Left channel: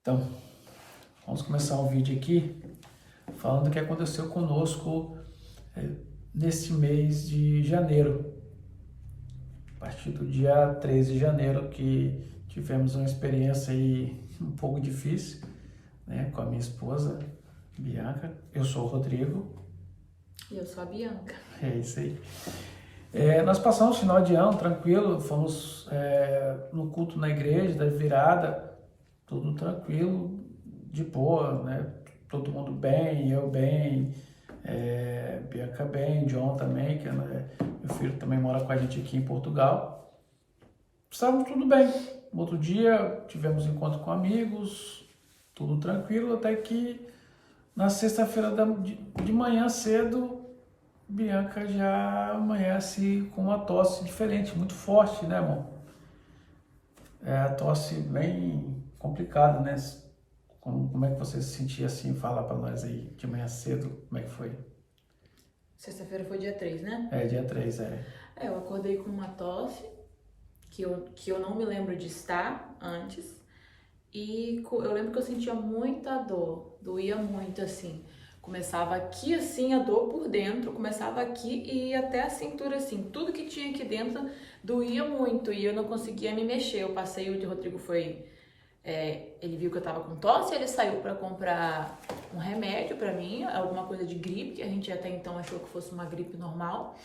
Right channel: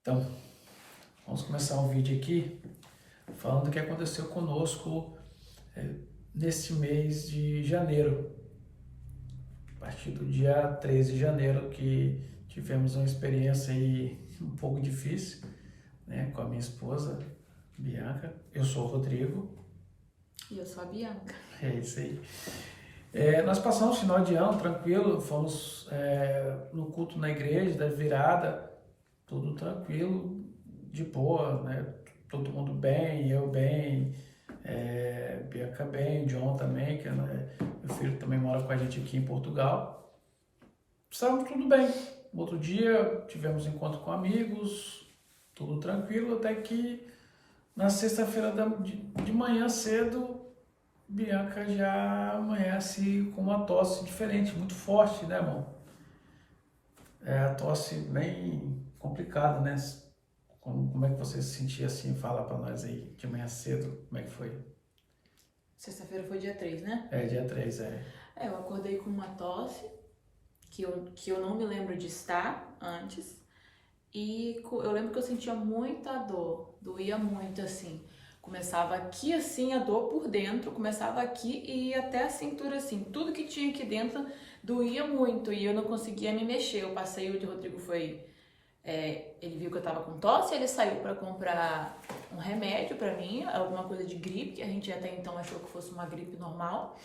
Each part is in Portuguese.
Então, vamos começar um vídeo aqui falando o que aconteceu conosco nesse mês de janeiro. A partir do dia 13 de janeiro que tivemos uma experiência aí um pouco difícil, né, com a minha esposa, Bianca. Eu sou o Rodrigo. E eu sou a Bianca. É isso aí. Nós passamos o final de ano tranquilo, fomos no culto na igreja, da virada, tudo tranquilo, de boa, né? Todo mundo bem, eu bem, Bianca bem, John também, que meu filho também mora com a gente aqui em Portugal. Estávamos tudo bem. No outro dia tivemos encontro com amigos, tudo tranquilo, até que na sexta-feira de manhã cedo, Bianca já amanhece com uma tosse diferente, muito forte, né, irmão? É a tosse bem complicada, né? Como é que você se sentia assim? Fala pra nós aí, de manhã cedo, como é que foi? Sexta-feira foi dia 3, né? Dia 3, Eu acordei com uma tosse, que eu não me lembro de estar antes. E eu lembro que eu sentia muita dor, doía muito, assim. Começava aqui, assim, a dor por dentro, começava aqui e ia até a cintura, assim. Tudo que tinha aqui dentro doía muito e eu não conseguia me mexer. Eu passei, o de Rodrigo foi... ele viu que eu tava com tosse, ele saiu pra comprar um remédio pra mim, alguma coisa de gripe, que a gente até então achou que fosse uma gripe normal.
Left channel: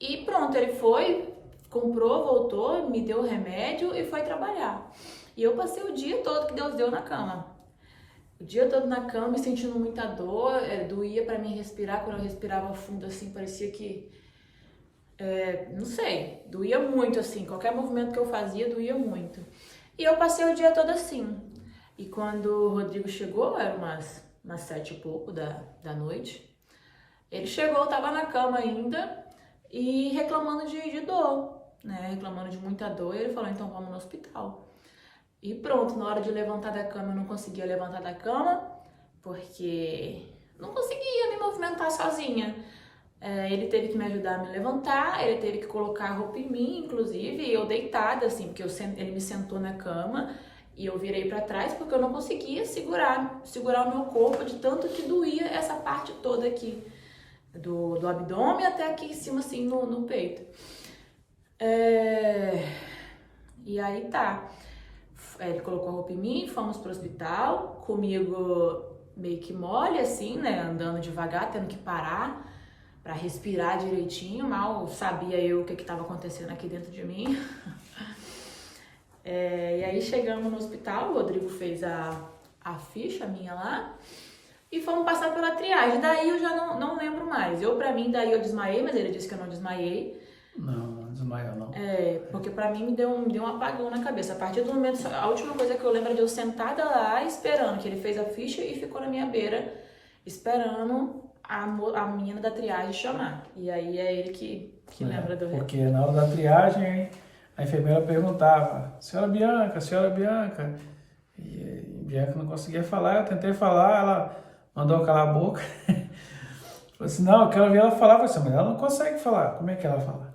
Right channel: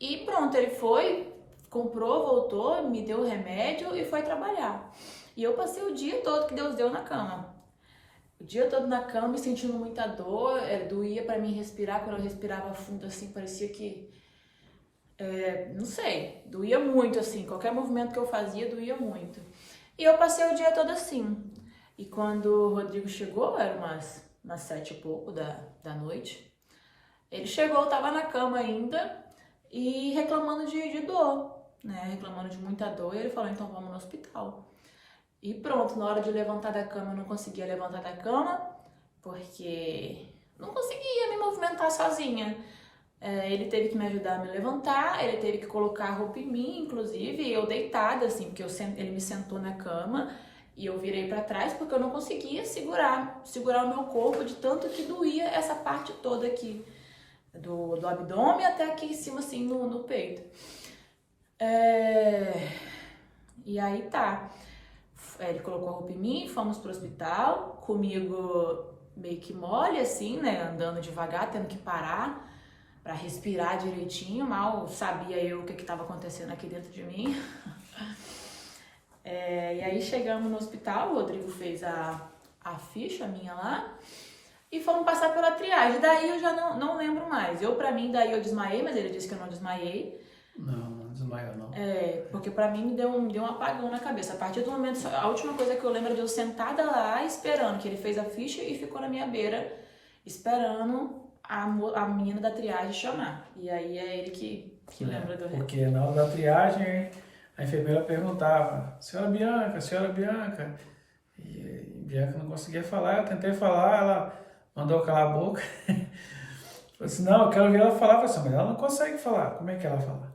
E pronto, ele foi, comprou, voltou, me deu o remédio e foi trabalhar. E eu passei o dia todo que Deus deu na cama. O dia todo na cama, me sentindo muita dor, doía pra mim respirar, quando eu respirava fundo assim, parecia que... não sei, doía muito assim, qualquer movimento que eu fazia doía muito. E eu passei o dia todo assim. E quando o Rodrigo chegou, era umas 7 e pouco da noite, ele chegou, eu tava na cama ainda e reclamando de dor, né? Reclamando de muita dor, e ele falou, então vamos no hospital. E pronto, na hora de levantar da cama, eu não conseguia levantar da cama, porque não conseguia me movimentar sozinha. Ele teve que me ajudar a me levantar, ele teve que colocar a roupa em mim, inclusive, e eu deitada, assim, porque ele me sentou na cama e eu virei pra trás, porque eu não conseguia segurar o meu corpo de tanto que doía essa parte toda aqui, do abdômen até aqui em cima, assim, no peito. E aí tá. Ele colocou a roupa em mim, fomos pro hospital, comigo meio que mole, assim, né, andando devagar, tendo que parar pra respirar direitinho, mal sabia eu o que estava acontecendo aqui dentro de mim. E aí chegamos no hospital, o Rodrigo fez a ficha minha lá e fomos passar pela triagem. Daí eu já não lembro mais. Pra mim, daí eu desmaiei, mas ele disse que eu não desmaiei. Não desmaiou não. Porque pra mim me deu um apagão na cabeça. A partir do momento, a última coisa que eu lembro é de eu sentada lá esperando, que ele fez a ficha e ficou na minha beira, esperando a menina da triagem chamar. E aí é ele que lembra do resto. Porque na hora da triagem, a enfermeira perguntava, senhora Bianca, e Bianca não conseguia falar, eu tentei falar, ela mandou calar a boca. Falei assim, não, eu quero ver ela falar. Eu falei assim, mas ela não consegue falar, como é que ela fala?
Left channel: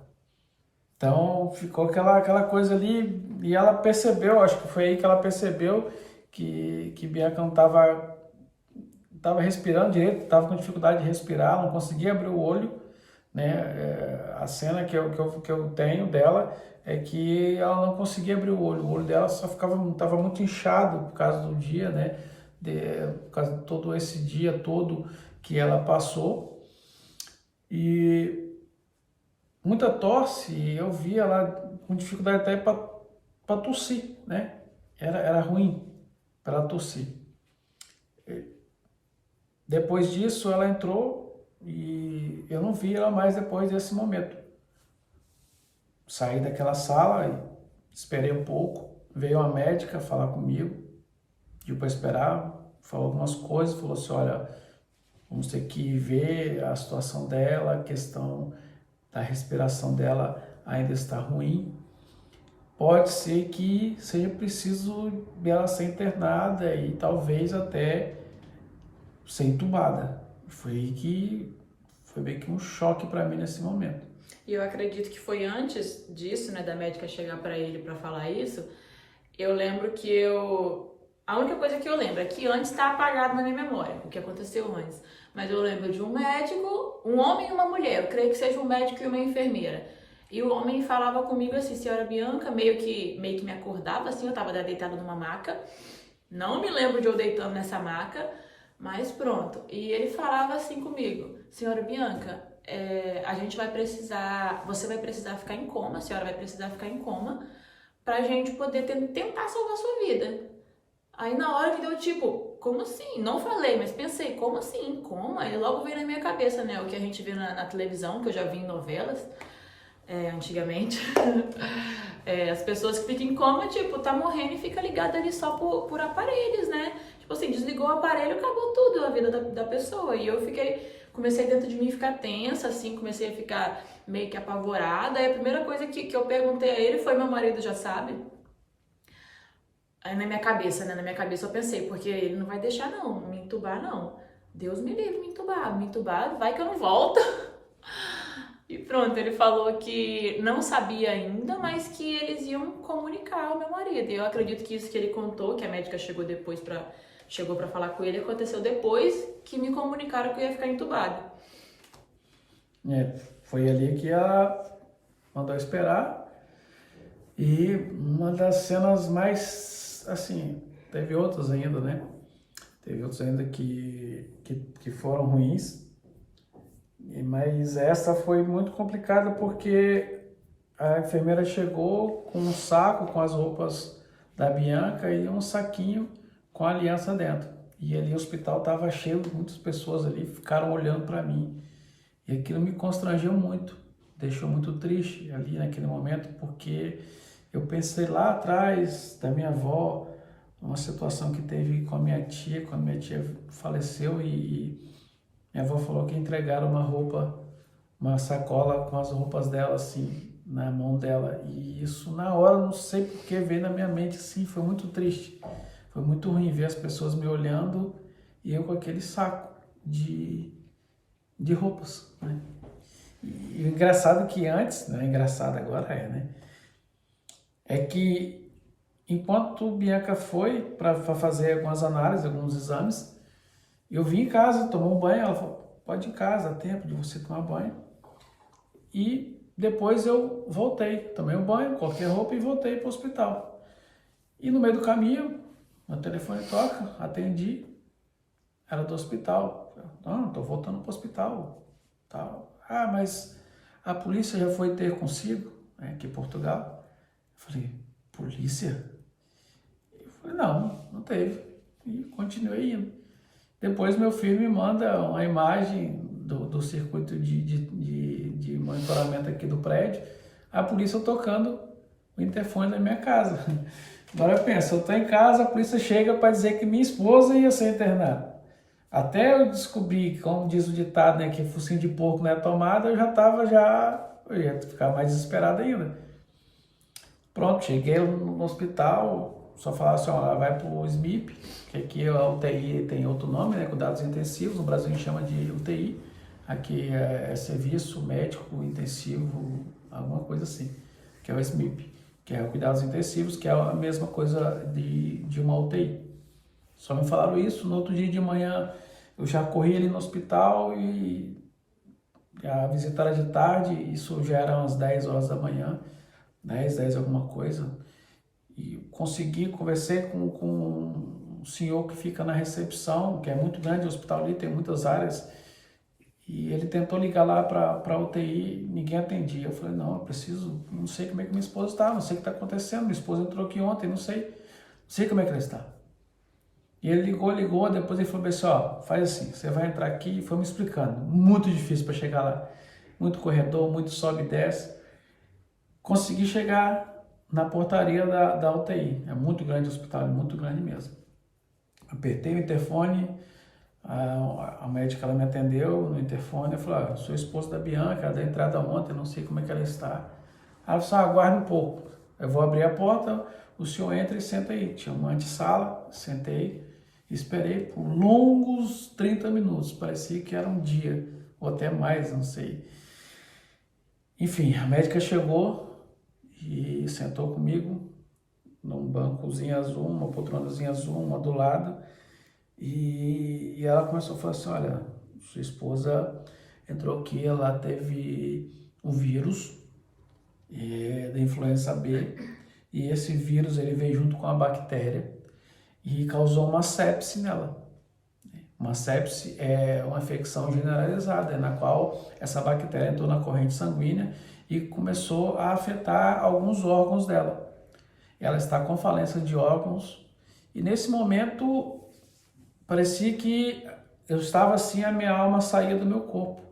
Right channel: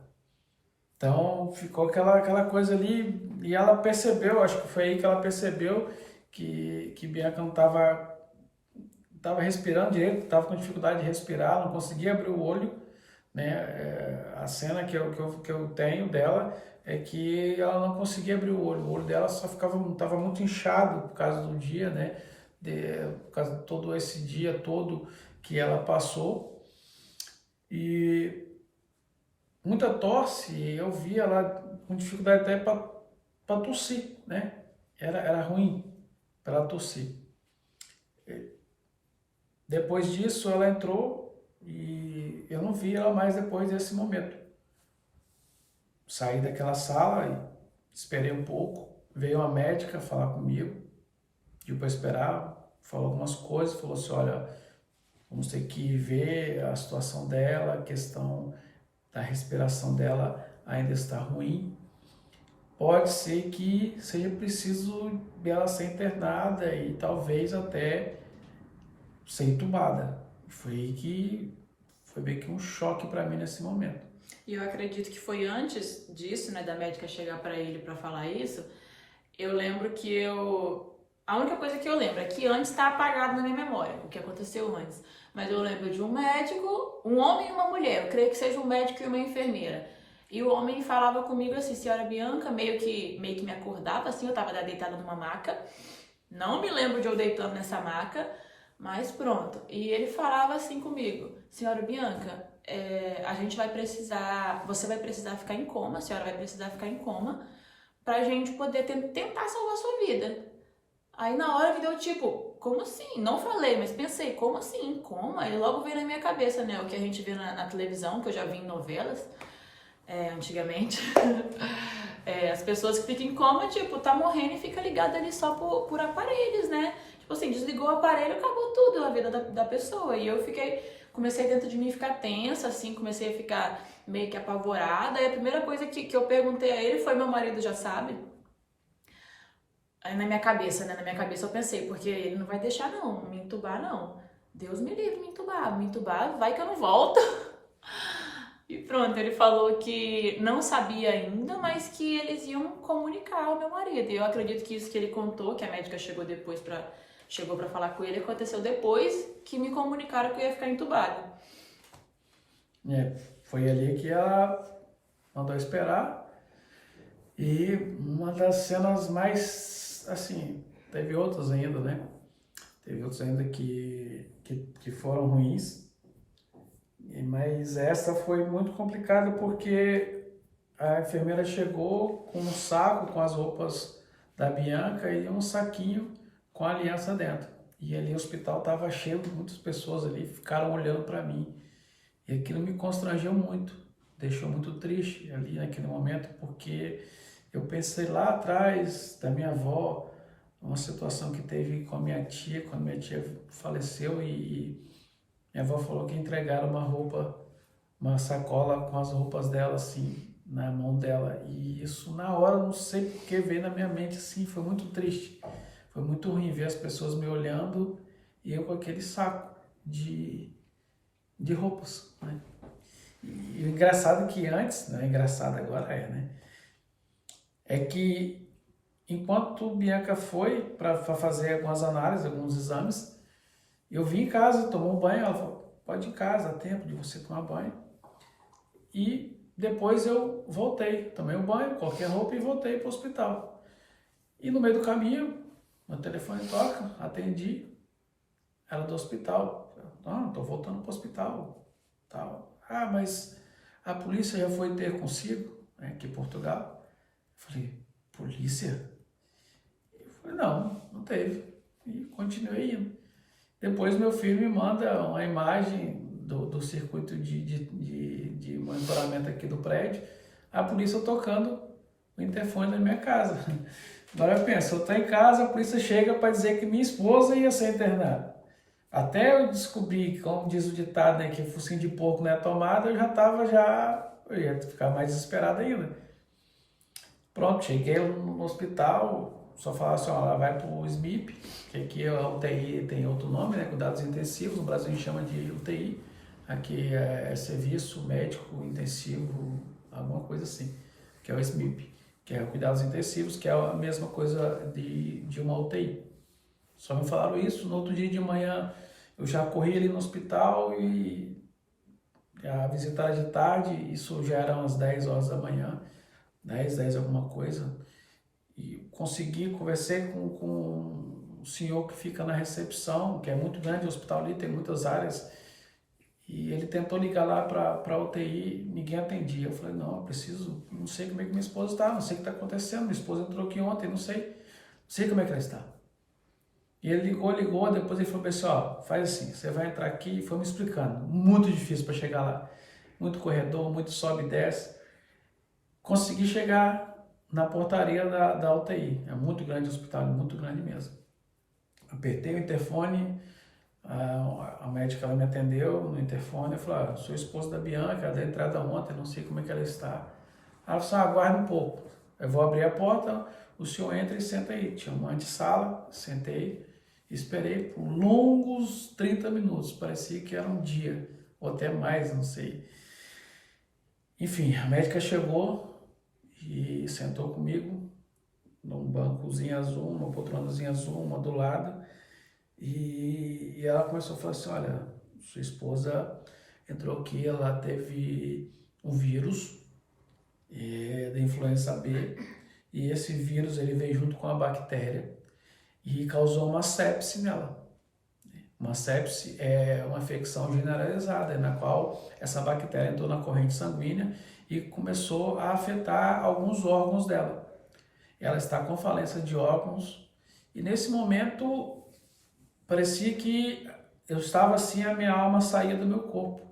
Então ficou aquela coisa ali, e ela percebeu, acho que foi aí que ela percebeu que Bianca não estava respirando direito, estava com dificuldade de respirar, não conseguia abrir o olho, né? A cena que eu tenho dela é que ela não conseguia abrir o olho dela só estava muito inchado por causa do dia, né? Por causa de todo esse dia todo que ela passou. E muita tosse, eu via ela com dificuldade até para tossir, né? Era ruim para ela tossir. Depois disso, ela entrou e eu não vi ela mais depois desse momento. Saí daquela sala, esperei um pouco, veio uma médica falar comigo, pediu para esperar, falou algumas coisas, falou assim, olha, vamos ter que ver a situação dela, a questão da respiração dela ainda está ruim. Pode ser que seja preciso dela ser internada e talvez até ser entubada. Foi meio que um choque para mim nesse momento. E eu acredito que foi antes disso, né, da médica chegar para ele para falar isso, eu lembro que a única coisa que eu lembro é que antes está apagado na minha memória, o que aconteceu antes. Mas eu lembro de um médico, um homem e uma mulher, eu creio que seja um médico e uma enfermeira. E o homem falava comigo assim, senhora Bianca, meio que me acordava assim, eu tava deitada numa maca. Não me lembro de eu deitando nessa maca, mas pronto. E ele falava assim comigo, senhora Bianca, a gente vai precisar, você vai precisar ficar em coma, a senhora vai precisar ficar em coma, pra gente poder tentar salvar a sua vida. Aí na hora que deu tipo, como assim? Não falei, mas pensei, como assim? Como? Aí logo veio na minha cabeça, né? O que a gente vê na televisão, que eu já vi em novelas, antigamente. As pessoas que ficam em coma, tipo, tá morrendo e fica ligada ali só por aparelhos, né? Tipo assim, desligou o aparelho, acabou tudo a vida da pessoa. E eu comecei dentro de mim a ficar tensa, assim, comecei a ficar meio que apavorada. E a primeira coisa que eu perguntei a ele foi, meu marido já sabe? Aí na minha cabeça, né? Na minha cabeça eu pensei, porque ele não vai deixar não, me entubar não. Deus me livre me entubar, vai que eu não volto. E pronto, ele falou que não sabia ainda, mas que eles iam comunicar ao meu marido. E eu acredito que isso que ele contou, que a médica chegou pra falar com ele, aconteceu depois que me comunicaram que eu ia ficar entubada. Foi ali que ela mandou esperar. E uma das cenas mais, assim, teve outras ainda, né? Teve outros ainda que foram ruins. Mas essa foi muito complicada porque a enfermeira chegou com um saco com as roupas da Bianca e um saquinho com a aliança dentro. E ali o hospital estava cheio, muitas pessoas ali ficaram olhando para mim. E aquilo me constrangeu muito, deixou muito triste ali naquele momento, porque eu pensei lá atrás da minha avó, uma situação que teve com a minha tia, quando minha tia faleceu e minha avó falou que entregaram uma sacola com as roupas dela, assim, na mão dela. E isso, na hora, não sei porque, veio na minha mente, assim, foi muito triste. Foi muito ruim ver as pessoas me olhando e eu com aquele saco de roupas, né? E o engraçado que antes, não é engraçado agora, né? É que enquanto Bianca foi para fazer algumas análises, alguns exames, eu vim em casa, tomar um banho, ela falou, pode ir em casa, há tempo de você tomar banho. E depois eu voltei, tomei um banho, coloquei roupa e voltei para o hospital. E no meio do caminho, meu telefone toca, atendi, era do hospital. Não, estou voltando para o hospital. Tal. Ah, mas a polícia já foi ter consigo, né, aqui em Portugal. Eu falei, polícia? Eu falei, não teve. E continuei indo. Depois meu filho me manda uma imagem do circuito de monitoramento aqui do prédio, a polícia tocando o interfone da minha casa. Agora eu penso, eu estou em casa, a polícia chega para dizer que minha esposa ia ser internada. Até eu descobrir, como diz o ditado, né, que focinho de porco não é tomada, eu ia ficar mais desesperado ainda. Pronto, cheguei no hospital, só falaram assim, ó, vai para o SMIP, que aqui a UTI tem outro nome, né, cuidados intensivos, no Brasil a gente chama de UTI, aqui é serviço médico intensivo, alguma coisa assim, que é o SMIP, que é o cuidados intensivos, que é a mesma coisa de uma UTI. Só me falaram isso, no outro dia de manhã eu já corri ali no hospital e a visita era de tarde, isso já era umas 10 horas da manhã, 10 alguma coisa, e consegui, conversei com um senhor que fica na recepção, que é muito grande, o hospital ali tem muitas áreas, e ele tentou ligar lá para a UTI, ninguém atendia. Eu falei, não, eu preciso, não sei como é que minha esposa está, não sei o que está acontecendo, minha esposa entrou aqui ontem, não sei como é que ela está. E ele ligou, depois ele falou assim, ó, faz assim, você vai entrar aqui, e foi me explicando, muito difícil para chegar lá, muito corredor, muito sobe e desce. Consegui chegar na portaria da UTI, é muito grande o hospital, é muito grande mesmo. Apertei o interfone, a médica ela me atendeu no interfone, eu falei, sou esposa da Bianca, ela deu entrada ontem, não sei como é que ela está. Ela falou, aguarde um pouco, eu vou abrir a porta, o senhor entra e senta aí. Tinha uma antessala, sentei, esperei por longos 30 minutos, parecia que era um dia, ou até mais, não sei. Enfim, a médica chegou e sentou comigo num bancozinho azul, uma poltronazinha azul, uma do lado, e ela começou a falar assim, olha, sua esposa entrou aqui, ela teve um vírus da influenza B, e esse vírus ele veio junto com a bactéria e causou uma sepse nela. Uma sepse é uma infecção generalizada, na qual essa bactéria entrou na corrente sanguínea e começou a afetar alguns órgãos dela. Ela está com falência de órgãos e nesse momento parecia que eu estava assim, a minha alma saía do meu corpo.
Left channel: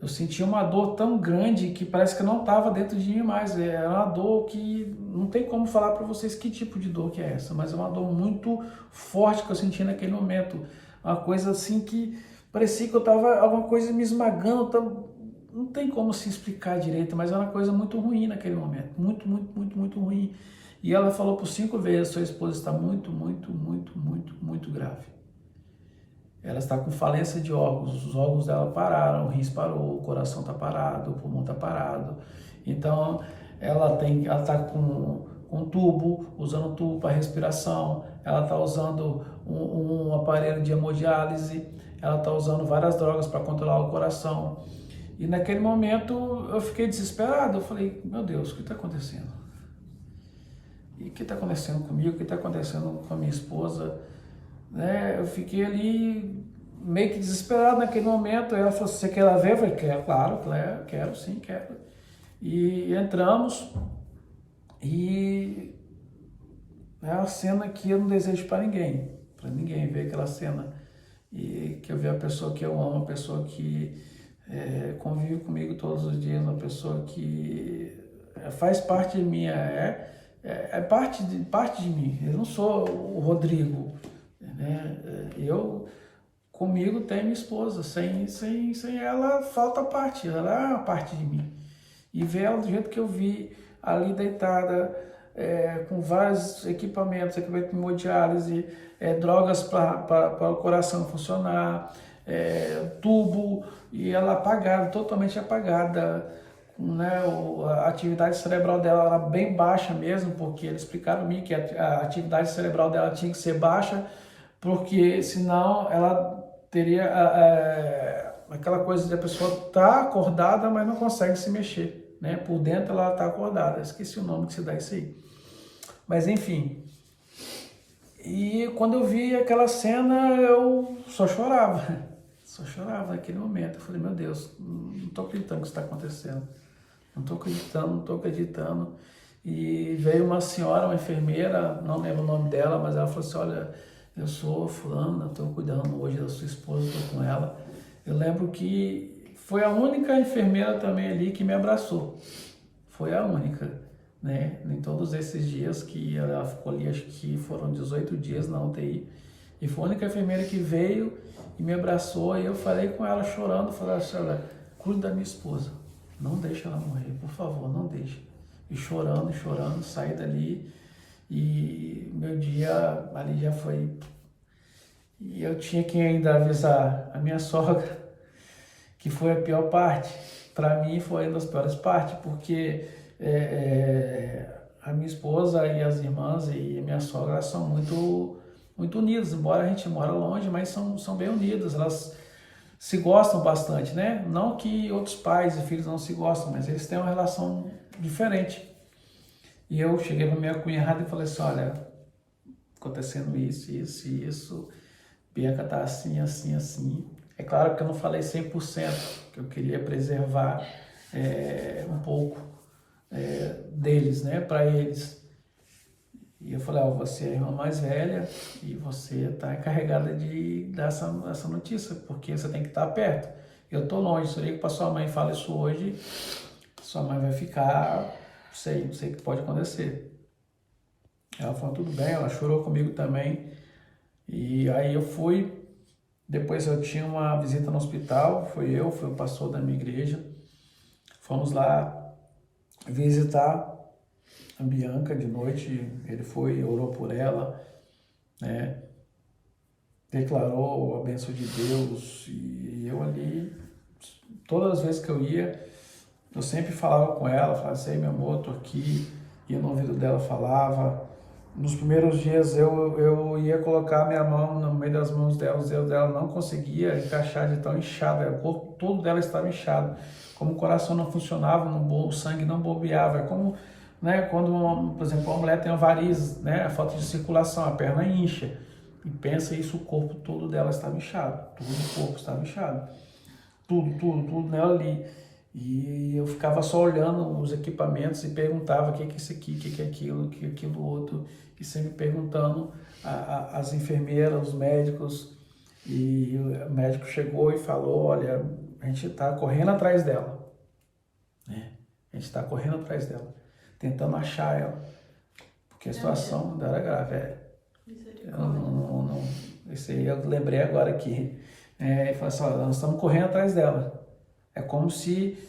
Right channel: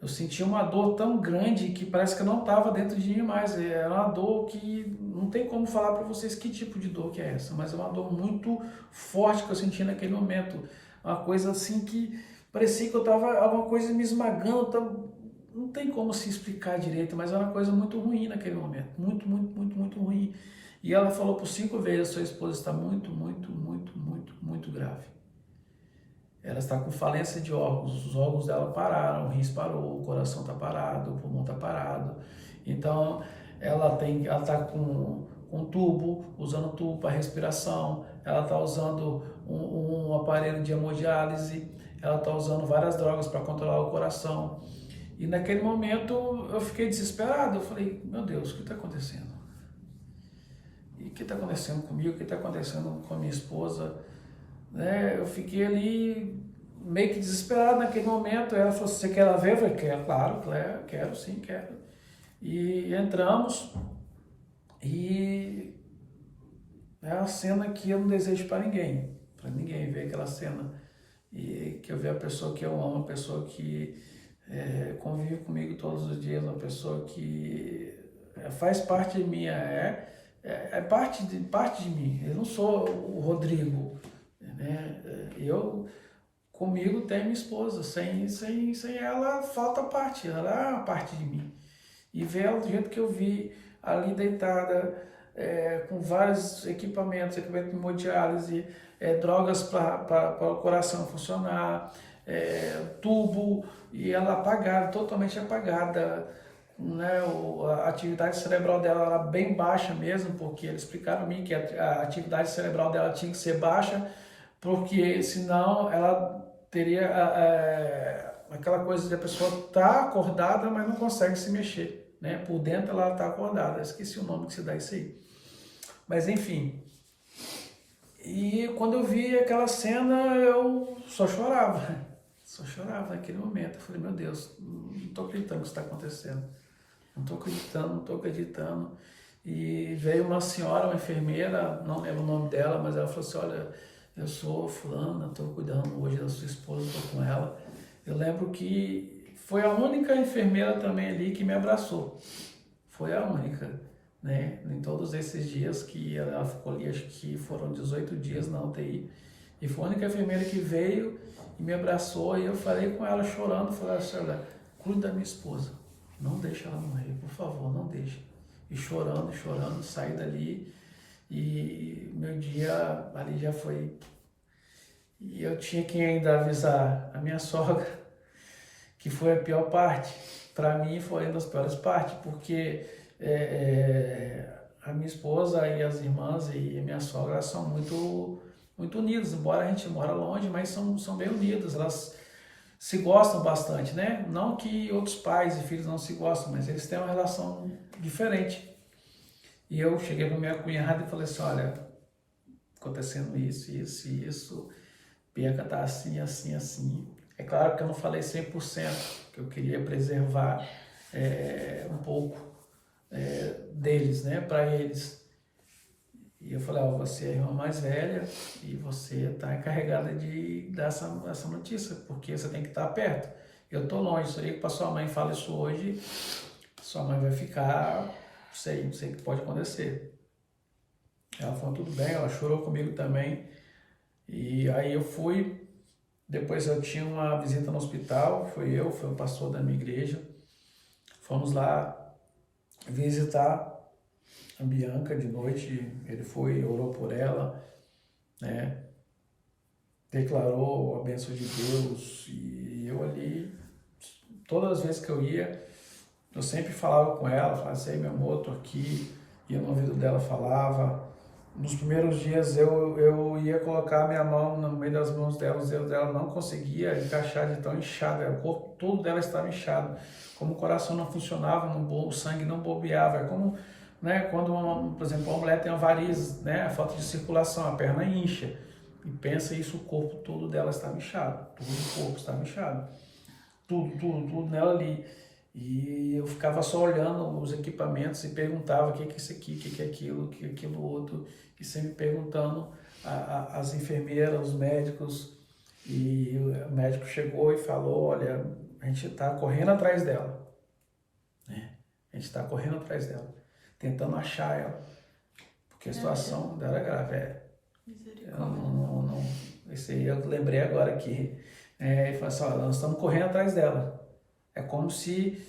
Eu sentia uma dor tão grande que parece que eu não estava dentro de mim mais. É uma dor que não tem como falar para vocês que tipo de dor que é essa, mas é uma dor muito forte que eu senti naquele momento. Uma coisa assim que parecia que eu estava alguma coisa me esmagando. Não tem como se explicar direito, mas é uma coisa muito ruim naquele momento. Muito, muito, muito, muito ruim. E ela falou por 5 vezes, sua esposa está muito, muito, muito, muito, muito grave. Ela está com falência de órgãos, os órgãos dela pararam, o rins parou, o coração está parado, o pulmão está parado. Então, ela está com um tubo, usando tubo para respiração, ela está usando um aparelho de hemodiálise, ela está usando várias drogas para controlar o coração. E naquele momento eu fiquei desesperado, eu falei, meu Deus, o que está acontecendo? E o que está acontecendo comigo? O que está acontecendo com a minha esposa? Né? Eu fiquei ali meio que desesperado naquele momento. Ela falou, você quer ela ver? Eu falei, quero, claro, quero, sim, quero. E entramos e é uma cena que eu não desejo para ninguém ver aquela cena. E que eu ver a pessoa que eu amo, a pessoa que convive comigo todos os dias, uma pessoa que faz parte de mim, parte de mim. Eu não sou o Rodrigo, né? Comigo tem minha esposa, sem ela falta parte, ela é uma parte de mim. E ver ela do jeito que eu vi, ali deitada, com vários equipamento de hemodiálise, drogas para o coração funcionar, tubo, e ela apagada, totalmente apagada, né? A atividade cerebral dela era bem baixa mesmo, porque eles explicaram a mim que a atividade cerebral dela tinha que ser baixa, porque senão ela teria aquela coisa de a pessoa tá acordada, mas não consegue se mexer, né? Por dentro ela tá acordada, eu esqueci o nome que se dá isso aí. Mas enfim, e quando eu vi aquela cena, eu só chorava naquele momento. Eu falei, meu Deus, não tô acreditando que isso está acontecendo, não tô acreditando. E veio uma senhora, uma enfermeira, não lembro o nome dela, mas ela falou assim, olha, eu sou fulana, estou cuidando hoje da sua esposa, estou com ela. Eu lembro que foi a única enfermeira também ali que me abraçou, foi a única, né? Em todos esses dias que ela ficou ali, acho que foram 18 dias na UTI, e foi a única enfermeira que veio e me abraçou, e eu falei com ela chorando, falei assim, olha, cuida da minha esposa, não deixa ela morrer, por favor, não deixe. E chorando, saí dali, e meu dia ali já foi. E eu tinha que ainda avisar a minha sogra, que foi a pior parte. Para mim foi uma das piores partes, porque a minha esposa e as irmãs e a minha sogra são muito, muito unidas, embora a gente mora longe, mas são bem unidas, elas se gostam bastante, né? Não que outros pais e filhos não se gostam, mas eles têm uma relação diferente. E eu cheguei para minha cunhada e falei assim, olha, acontecendo isso, Bianca tá assim, assim, assim. É claro que eu não falei 100%, que eu queria preservar um pouco deles, né, para eles. E eu falei, você é a irmã mais velha e você está encarregada de dar essa notícia, porque você tem que estar perto. Eu tô longe, se eu para sua mãe fala isso hoje, sua mãe vai ficar, sei que pode acontecer. Ela falou, tudo bem, ela chorou comigo também. E aí eu fui, depois eu tinha uma visita no hospital, foi o pastor da minha igreja. Fomos lá visitar a Bianca de noite, ele foi, orou por ela, né? Declarou a bênção de Deus, e eu ali, todas as vezes que eu ia, eu sempre falava com ela, falava assim, meu amor, tô aqui. ia no ouvido dela, falava. Nos primeiros dias eu ia colocar minha mão no meio das mãos dela, os dedos dela não conseguia encaixar de tão inchada, o corpo todo dela estava inchado, como o coração não funcionava, o sangue não bobeava, é como, né, quando, por exemplo, uma mulher tem uma varizes, né, a falta de circulação, a perna incha, e pensa isso, o corpo todo dela estava inchado, todo o corpo estava inchado, tudo nela ali. E eu ficava só olhando os equipamentos e perguntava o que é isso aqui, o que é aquilo, o que é aquilo outro, e sempre perguntando as enfermeiras, os médicos, e o médico chegou e falou, olha, a gente está correndo atrás dela, né? A gente está correndo atrás dela, tentando achar ela, porque a situação dela é grave. Eu lembrei agora que ele falou assim, olha, nós estamos correndo atrás dela. É como se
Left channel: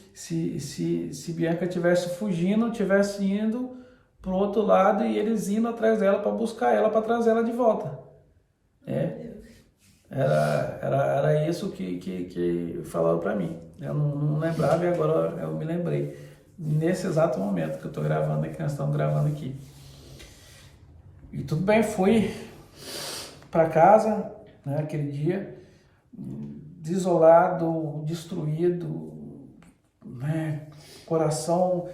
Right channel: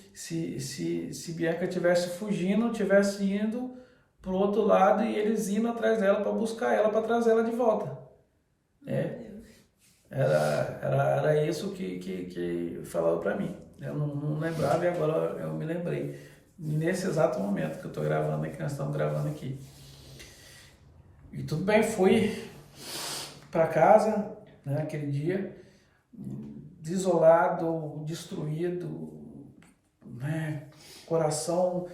Bianca estivesse fugindo, estivesse indo para o outro lado e eles indo atrás dela para buscar ela, para trazer ela de volta. Era isso que falava para mim. Eu não lembrava e agora eu me lembrei. Nesse exato momento que eu estou gravando aqui, nós estamos gravando aqui. E tudo bem, fui para casa, né, aquele dia, desolado, destruído, né, coração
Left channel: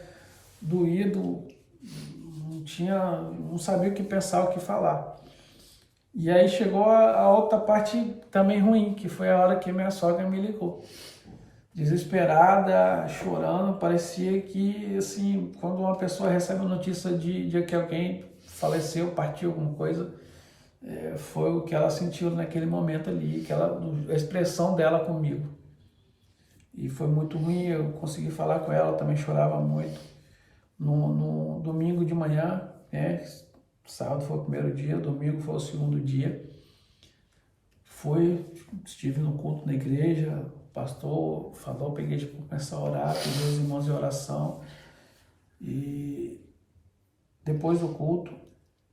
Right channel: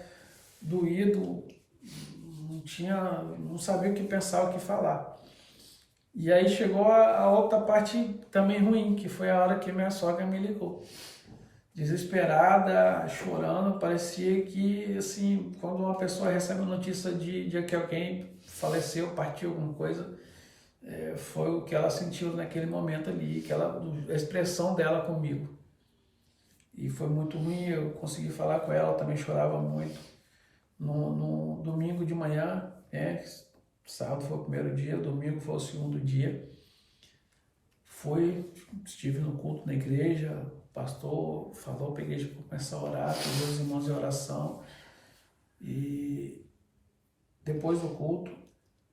doído, não sabia o que pensar, o que falar. E aí chegou a outra parte também ruim, que foi a hora que minha sogra me ligou. Desesperada, chorando, parecia que, assim, quando uma pessoa recebe a notícia de que alguém faleceu, partiu, alguma coisa, foi o que ela sentiu naquele momento ali, a expressão dela comigo. E foi muito ruim, eu consegui falar com ela, também chorava muito. No domingo de manhã, sábado foi o primeiro dia, domingo foi o segundo dia. Estive no culto na igreja, o pastor falou para a igreja começar a orar, pediu os irmãos em oração. E depois do culto,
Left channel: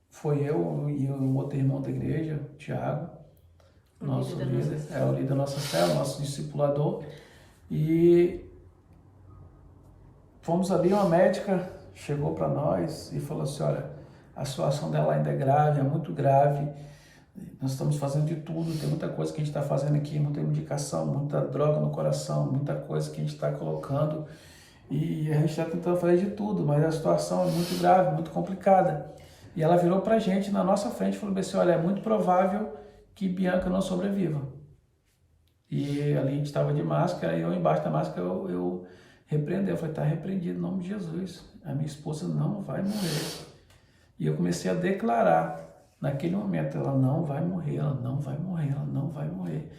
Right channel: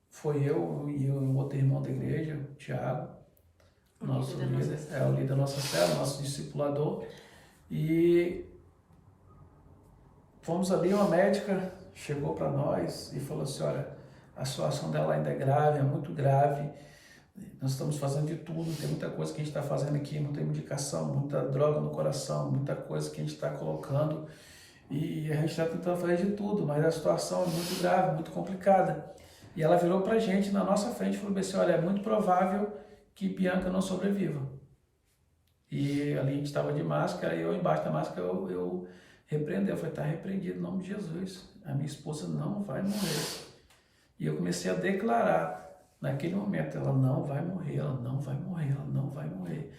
foi eu e o outro irmão da igreja, o Tiago, nosso líder, o líder da nossa célula, nosso discipulador. E fomos ali, uma médica chegou para nós e falou assim, olha, a situação dela ainda é grave, é muito grave, nós estamos fazendo de tudo, tem muita coisa que a gente está fazendo aqui, muita medicação, muita droga no coração, muita coisa que a gente está colocando e a gente está tentando fazer de tudo, mas a situação é muito grave, muito complicada. E ela virou para a gente, na nossa frente, e falou assim, olha, é muito provável que Bianca não sobreviva. E ali a gente estava de máscara, e eu embaixo da máscara eu repreendei, eu falei, está repreendido em nome de Jesus, a minha esposa não vai morrer. E eu comecei a declarar, naquele momento, ela não vai morrer, ela não vai morrer, ela não vai morrer.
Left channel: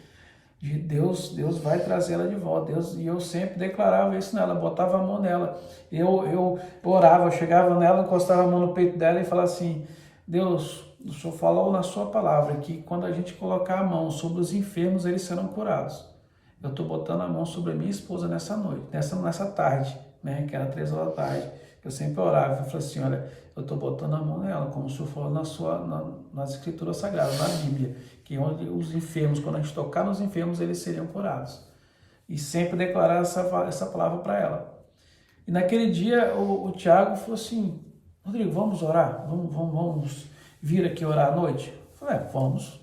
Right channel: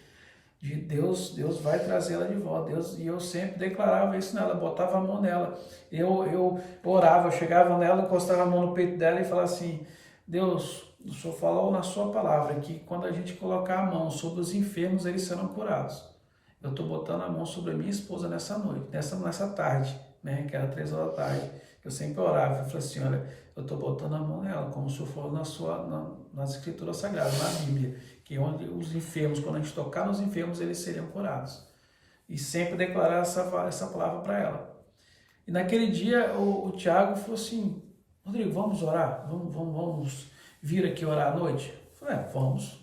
Deus vai trazer ela de volta. E eu sempre declarava isso nela, botava a mão nela. Eu orava, eu chegava nela, encostava a mão no peito dela e falava assim, Deus, o Senhor falou na sua palavra que quando a gente colocar a mão sobre os enfermos, eles serão curados. Eu estou botando a mão sobre a minha esposa nessa noite, nessa tarde, né, que era 3 horas da tarde. Eu sempre orava, eu falei assim, olha, eu estou botando a mão nela, como o Senhor falou nas Escrituras Sagradas, na Bíblia, que onde os enfermos, quando a gente tocar nos enfermos, eles seriam curados. E sempre declarar essa palavra para ela. E naquele dia, o Tiago falou assim, Rodrigo, vamos orar? Vamos vir aqui orar à noite? Eu falei, vamos,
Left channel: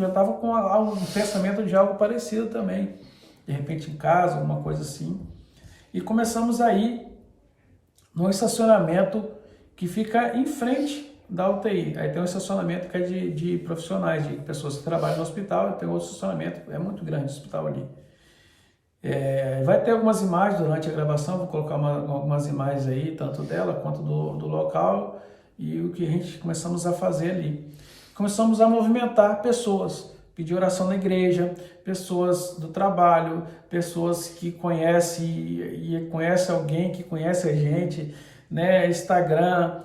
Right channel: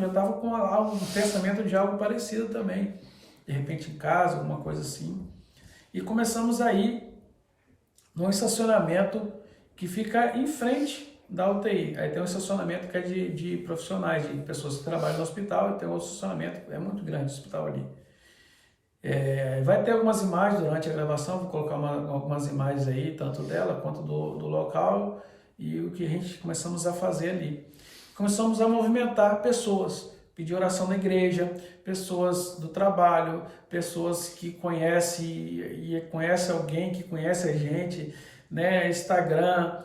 já estava com um pensamento de algo parecido também, de repente em casa, alguma coisa assim. E começamos a ir num estacionamento que fica em frente da UTI. Aí tem um estacionamento que é de profissionais, de pessoas que trabalham no hospital, e tem outro estacionamento, é muito grande o hospital ali. Vai ter algumas imagens durante a gravação, vou colocar algumas imagens aí, tanto dela quanto do local, e o que a gente começamos a fazer ali. Começamos a movimentar pessoas, pedir oração na igreja, pessoas do trabalho, pessoas que conhecem e conhece alguém que conhece a gente, né? Instagram,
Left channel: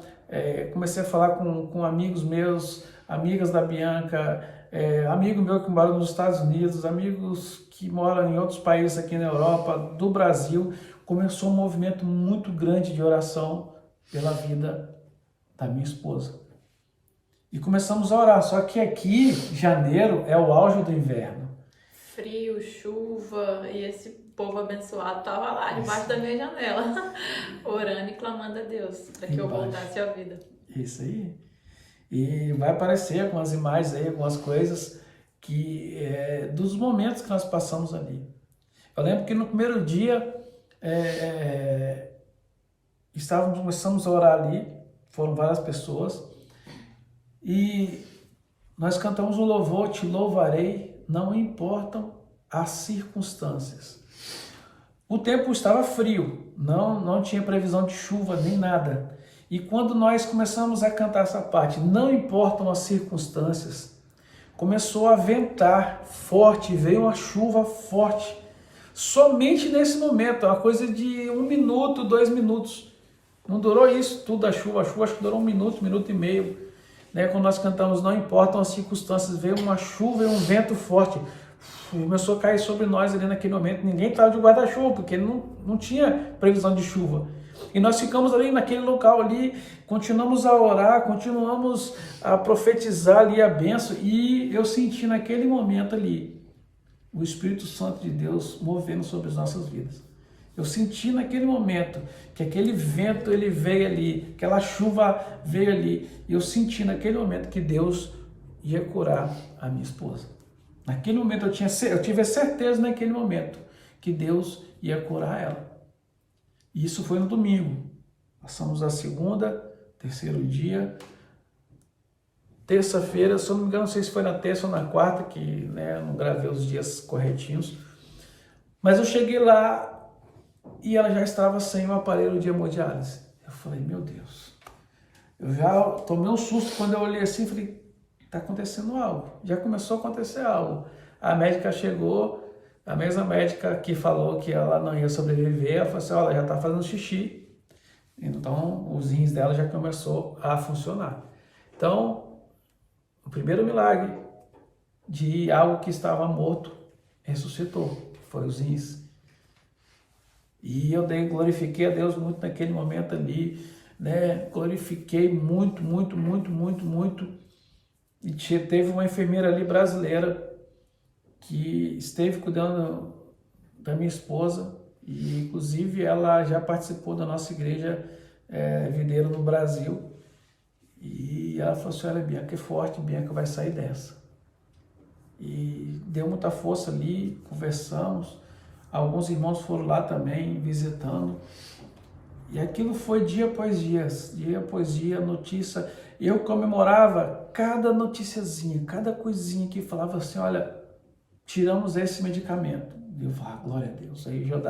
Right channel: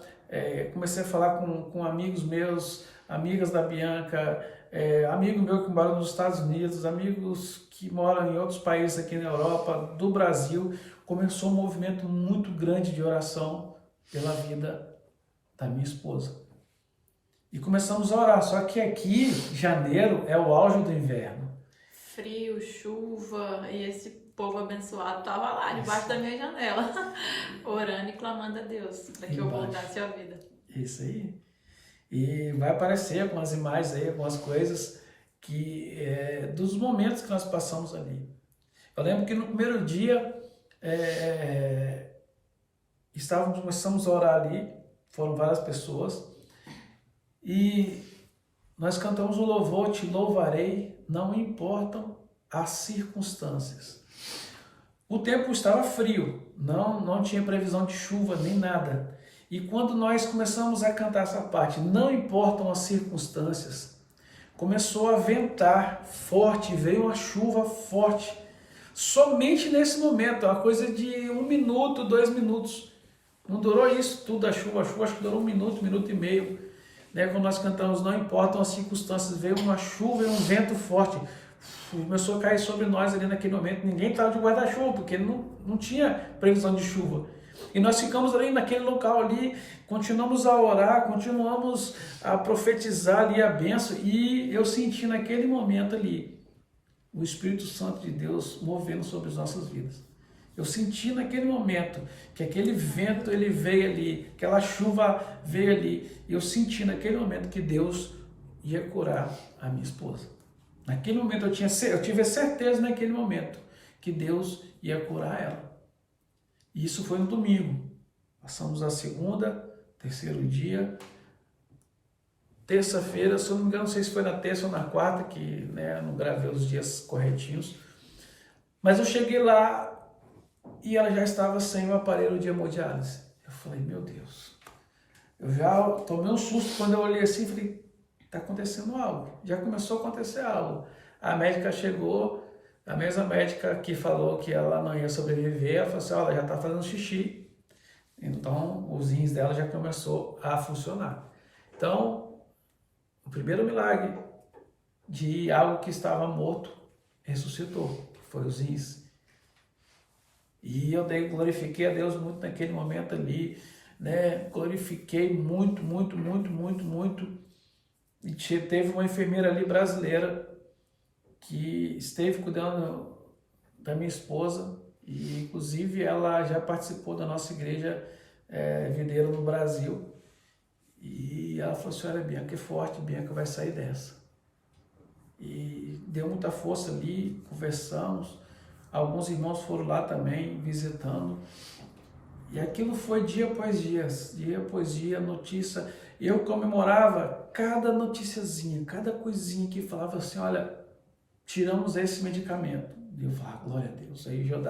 comecei a falar com amigos meus, amigas da Bianca, amigo meu que mora nos Estados Unidos, amigos que moram em outros países aqui na Europa, do Brasil. Começou um movimento muito grande de oração pela vida da minha esposa. E começamos a orar, só que aqui, janeiro, é o auge do inverno. Frio, chuva, e esse povo abençoado tava lá, debaixo da minha janela, orando e clamando a Deus para que eu voltasse à vida. Isso aí. E vai aparecer algumas imagens aí, algumas coisas que dos momentos que nós passamos ali. Eu lembro que no primeiro dia começamos a orar ali, foram várias pessoas, e nós cantamos um louvor, te louvarei, não importam as circunstâncias. O tempo estava frio, não tinha previsão de chuva nem nada. E quando nós começamos a cantar essa parte, não importam as circunstâncias, começou a ventar forte, veio uma chuva forte. Somente nesse momento, uma coisa de 1 minuto, 2 minutos. Não durou isso tudo a chuva acho que durou 1 minuto, 1 minuto e meio. Né? Quando nós cantamos, não importam as circunstâncias, veio uma chuva e um vento forte. Começou a cair sobre nós ali naquele momento. Ninguém estava de guarda-chuva, porque não tinha previsão de chuva. E nós ficamos ali naquele local ali, continuamos a orar, continuamos a profetizar ali a bênção. E eu senti naquele momento ali o Espírito Santo de Deus movendo sobre as nossas vidas. Eu senti naquele momento que aquele vento ele veio ali, aquela chuva veio ali. E eu senti naquele momento que Deus ia curar a minha esposa. Naquele momento eu tive a certeza naquele momento que Deus ia curar ela. E isso foi no domingo. Passamos a segunda, terceiro dia. Terça-feira, se eu não me engano, não sei se foi na terça ou na quarta, que né, não gravei os dias corretinhos. Mas eu cheguei lá e ela já estava sem o aparelho de hemodiálise. Eu falei, meu Deus. Eu já tomei um susto quando eu olhei assim e falei, está acontecendo algo. Já começou a acontecer algo. A médica chegou, a mesma médica que falou que ela não ia sobreviver, ela falou assim, olha, já está fazendo xixi. Então, os rins dela já começou a funcionar. Então, o primeiro milagre de algo que estava morto ressuscitou, foi os rins. E eu glorifiquei a Deus muito naquele momento ali, né? Glorifiquei muito. E teve uma enfermeira ali brasileira que esteve cuidando da minha esposa e inclusive ela já participou da nossa igreja videira no Brasil. E ela falou assim, olha, Bianca é forte, Bianca vai sair dessa. E deu muita força ali, conversamos, alguns irmãos foram lá também visitando. E aquilo foi dia após dia, notícia. Eu comemorava cada noticiazinha, cada coisinha que falava assim, olha, tiramos esse medicamento. E eu falava, glória a Deus. Aí eu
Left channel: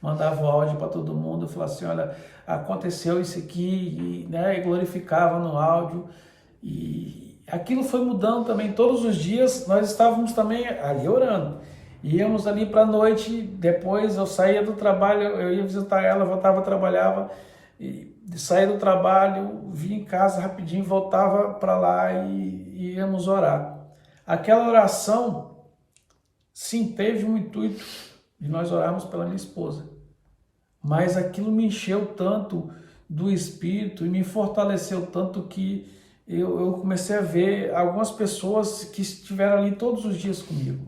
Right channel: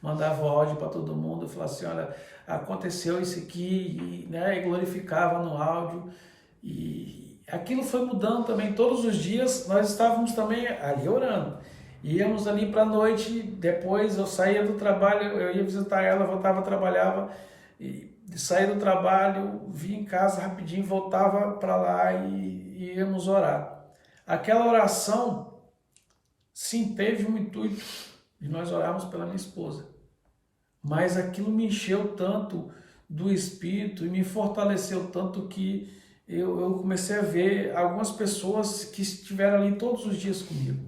mandava o áudio para todo mundo, eu falava assim, olha, aconteceu isso aqui, né? E glorificava no áudio. E aquilo foi mudando também. Todos os dias nós estávamos também ali orando. Íamos ali para a noite, depois eu saía do trabalho, eu ia visitar ela, voltava, trabalhava, e saía do trabalho, vinha em casa rapidinho, voltava para lá e íamos orar. Aquela oração, sim, teve um intuito de nós orarmos pela minha esposa, mas aquilo me encheu tanto do Espírito e me fortaleceu tanto que eu comecei a ver algumas pessoas que estiveram ali todos os dias comigo.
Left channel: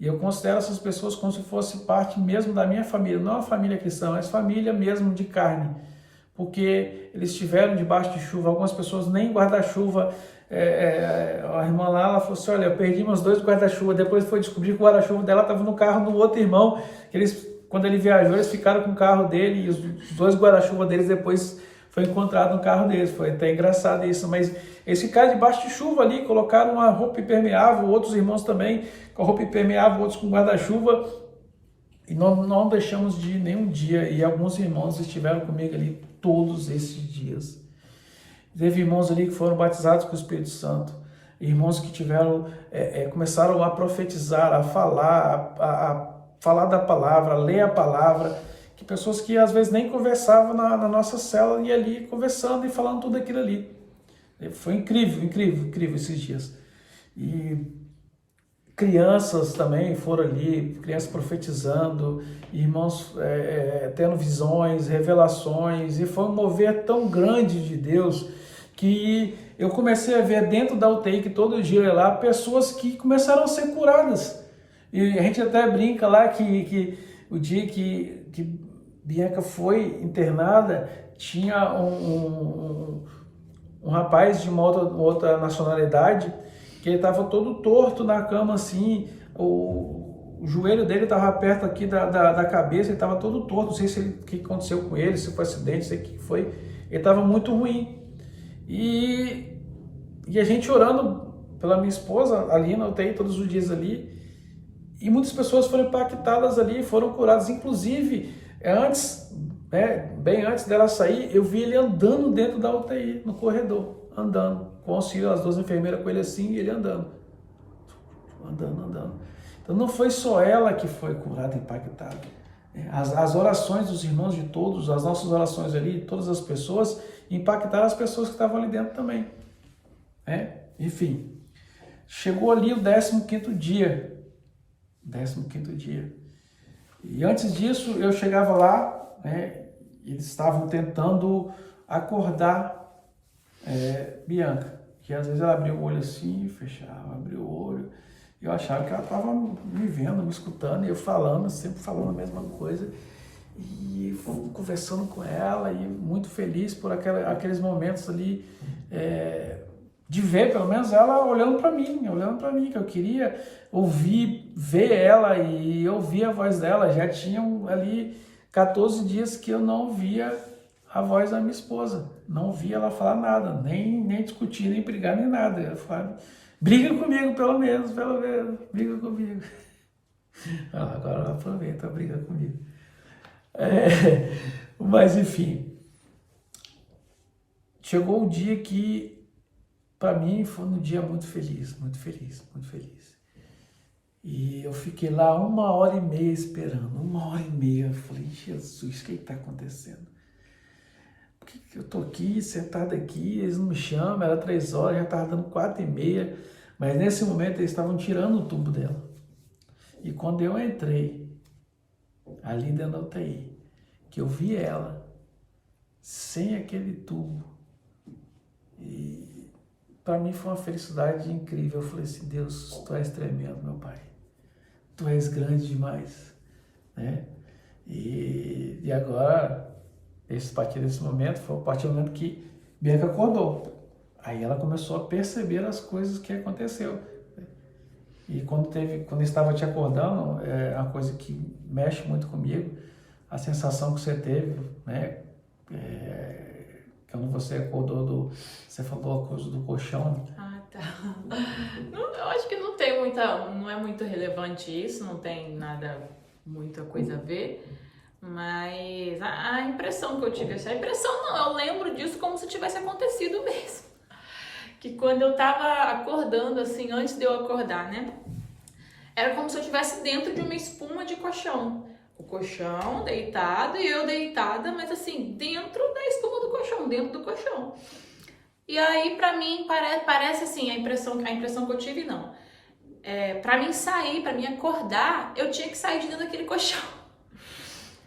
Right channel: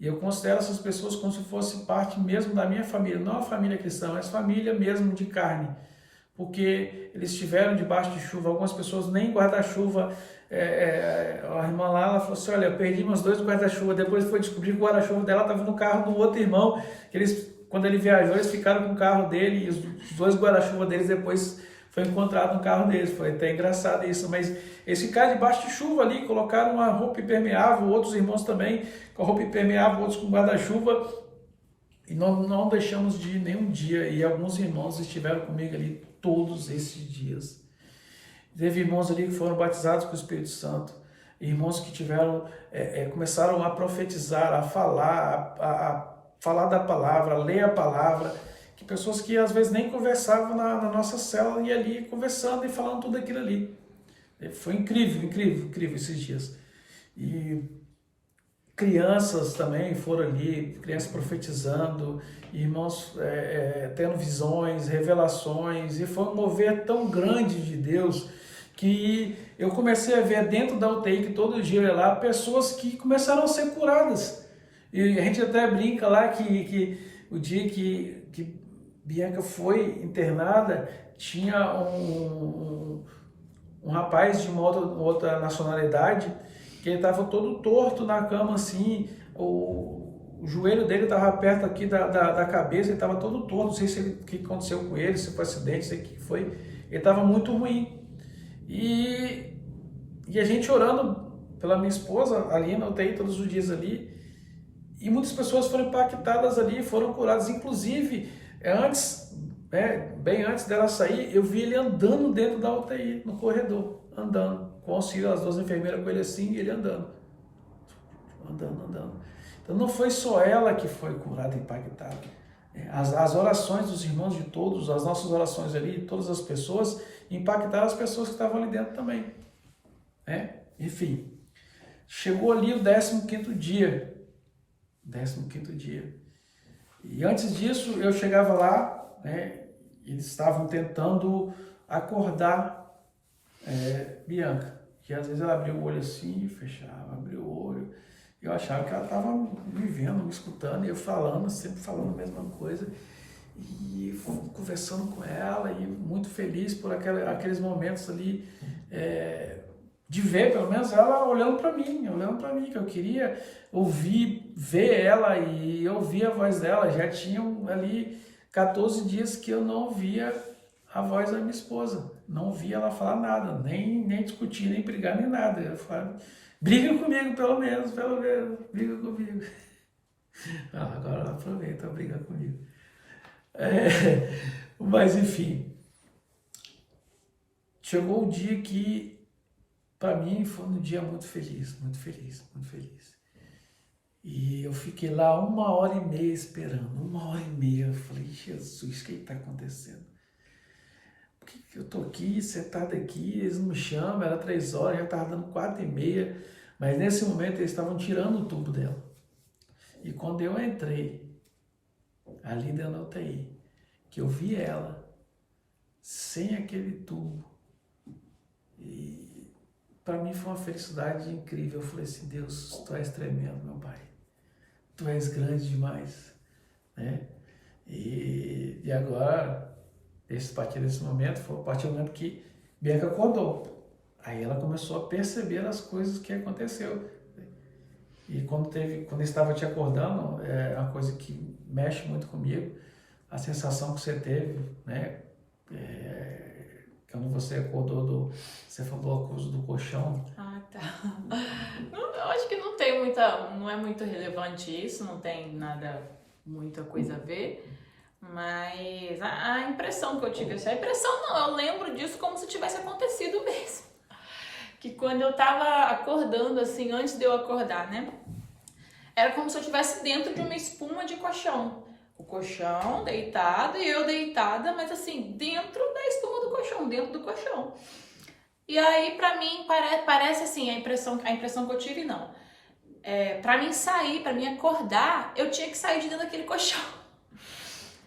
E eu considero essas pessoas como se fosse parte mesmo da minha família, não a família cristã, mas família mesmo de carne, porque eles estiveram debaixo de chuva, algumas pessoas nem guarda-chuva, a irmã lá, ela falou assim, olha, eu perdi meus 2 guarda-chuva, depois foi descobrir que o guarda-chuva dela estava no carro do outro irmão, quando ele viajou, eles ficaram com o carro dele, e os 2 guarda-chuva deles depois foi encontrado no carro deles, foi até engraçado isso, mas eles ficaram debaixo de chuva ali, colocaram uma roupa impermeável, outros irmãos também com a roupa impermeável, outros com guarda-chuva, e não deixamos de ir nenhum dia, e alguns irmãos estiveram comigo ali todos esses dias. Teve irmãos ali que foram batizados com o Espírito Santo, irmãos que começaram a profetizar, a falar da palavra, a ler a palavra, que pessoas que às vezes nem conversavam na nossa célula, e ali conversando e falando tudo aquilo ali. Foi incrível esses dias. E crianças também foram ali, crianças profetizando, irmãos tendo visões, revelações, e foi um mover tão grande de Deus que eu comecei a ver dentro da UTI, que todo dia eu ia lá, pessoas que começaram a ser curadas. E a gente até brinca lá que o dia que Bianca foi internada, tinha um rapaz de uma outra nacionalidade que ele estava todo torto na cama, assim, o joelho dele estava perto aqui da cabeça, ele estava todo torto, não sei se o que aconteceu com ele, se foi acidente, sei o que foi, ele estava muito ruim. E a gente orando pela minha esposa ali na UTI todos os dias ali, e muitas pessoas foram impactadas ali, foram curadas, inclusive antes, né, bem antes dela sair, eu vi ele andando dentro da UTI, no corredor, andando, com auxílio, as 2 enfermeiras com ele assim, e ele andando. Então não foi só ela que foi curada, impactada. As orações dos irmãos de todos, as nossas orações ali, todas as pessoas, impactaram as pessoas que estavam ali dentro também. Enfim, chegou ali o 15º dia. 15º dia. E antes disso, eu chegava lá, eles estavam tentando acordar Bianca, que às vezes ela abria o olho assim, fechava, abria o olho, e eu achava que ela estava me vendo, me escutando, e eu falando, sempre falando a mesma coisa, e conversando com ela, e muito feliz por aqueles momentos ali, de ver pelo menos ela olhando para mim, que eu queria ouvir, ver ela e ouvir a voz dela. Já tinham ali 14 dias que eu não ouvia a voz da minha esposa, não ouvia ela falar nada, nem discutir, nem brigar, nem nada. Eu falava, briga comigo pelo menos, briga comigo. Agora ela aproveita a briga comigo. Mas enfim, chegou o dia que para mim foi um dia muito feliz. E eu fiquei lá 1h30 esperando, 1h30. Eu falei, Jesus, o que está acontecendo? Por que eu estou aqui, sentado aqui, eles não me chamam, era 3 horas, já estava dando 4h30. Mas nesse momento eles estavam tirando o tubo dela. E quando eu entrei ali dentro da UTI, que eu vi ela sem aquele tubo, e para mim foi uma felicidade incrível. Eu falei assim, Deus, Tu és tremendo, meu Pai. Tu és grande demais, né? E agora, a partir desse momento, foi a partir do momento que Bianca acordou. Aí ela começou a perceber as coisas que aconteceu. E quando eu estava te acordando, é uma coisa que mexe muito comigo, a sensação que você teve, né? Quando você acordou você falou a coisa do colchão. Ah, tá. Eu acho que não é muito relevante isso, não tem muita coisa a ver, mas a impressão que eu tive, a impressão não, eu lembro disso como se tivesse acontecido mesmo. Que quando eu tava acordando, assim, antes de eu acordar, né, era como se eu estivesse dentro de uma espuma de colchão. O colchão deitado e eu deitada, mas assim, dentro da espuma do colchão, dentro do colchão. E aí, pra mim, parece assim, a impressão que eu tive, não. Pra mim sair, pra mim acordar, eu tinha que sair de dentro daquele colchão.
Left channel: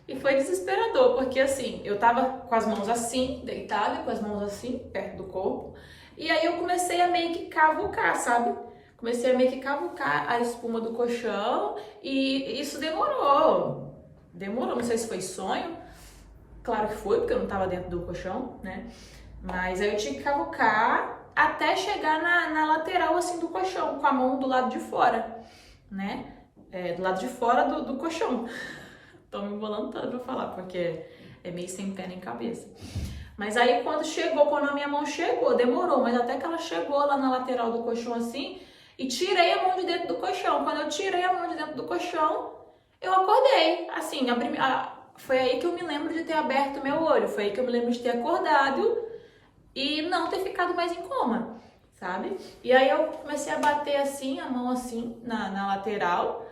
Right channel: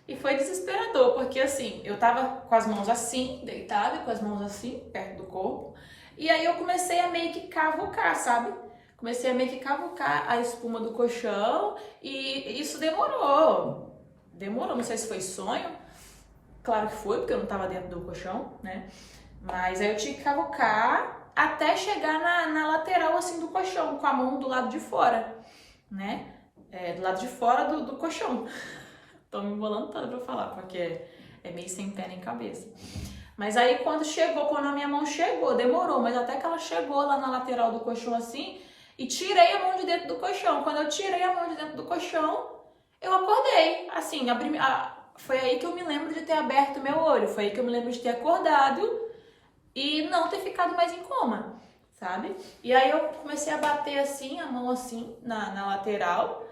E foi desesperador, porque assim, eu tava com as mãos assim, deitada, com as mãos assim, perto do corpo. E aí eu comecei a meio que cavucar, sabe? Comecei a meio que cavucar a espuma do colchão e isso demorou, não sei se foi sonho, claro que foi, porque eu não tava dentro do colchão, né? Mas aí eu tinha que cavucar até chegar na lateral, assim, do colchão, com a mão do lado de fora, né? Do lado de fora do colchão. Tô me embolando toda pra falar, porque é meio sem pé nem cabeça. Mas aí quando a minha mão chegou, demorou, mas até que ela chegou lá na lateral do colchão assim, e tirei a mão de dentro do colchão. Quando eu tirei a mão de dentro do colchão, eu acordei, assim, foi aí que eu me lembro de ter aberto meu olho, foi aí que eu me lembro de ter acordado e não ter ficado mais em coma, sabe? E aí eu comecei a bater assim, a mão assim, na lateral,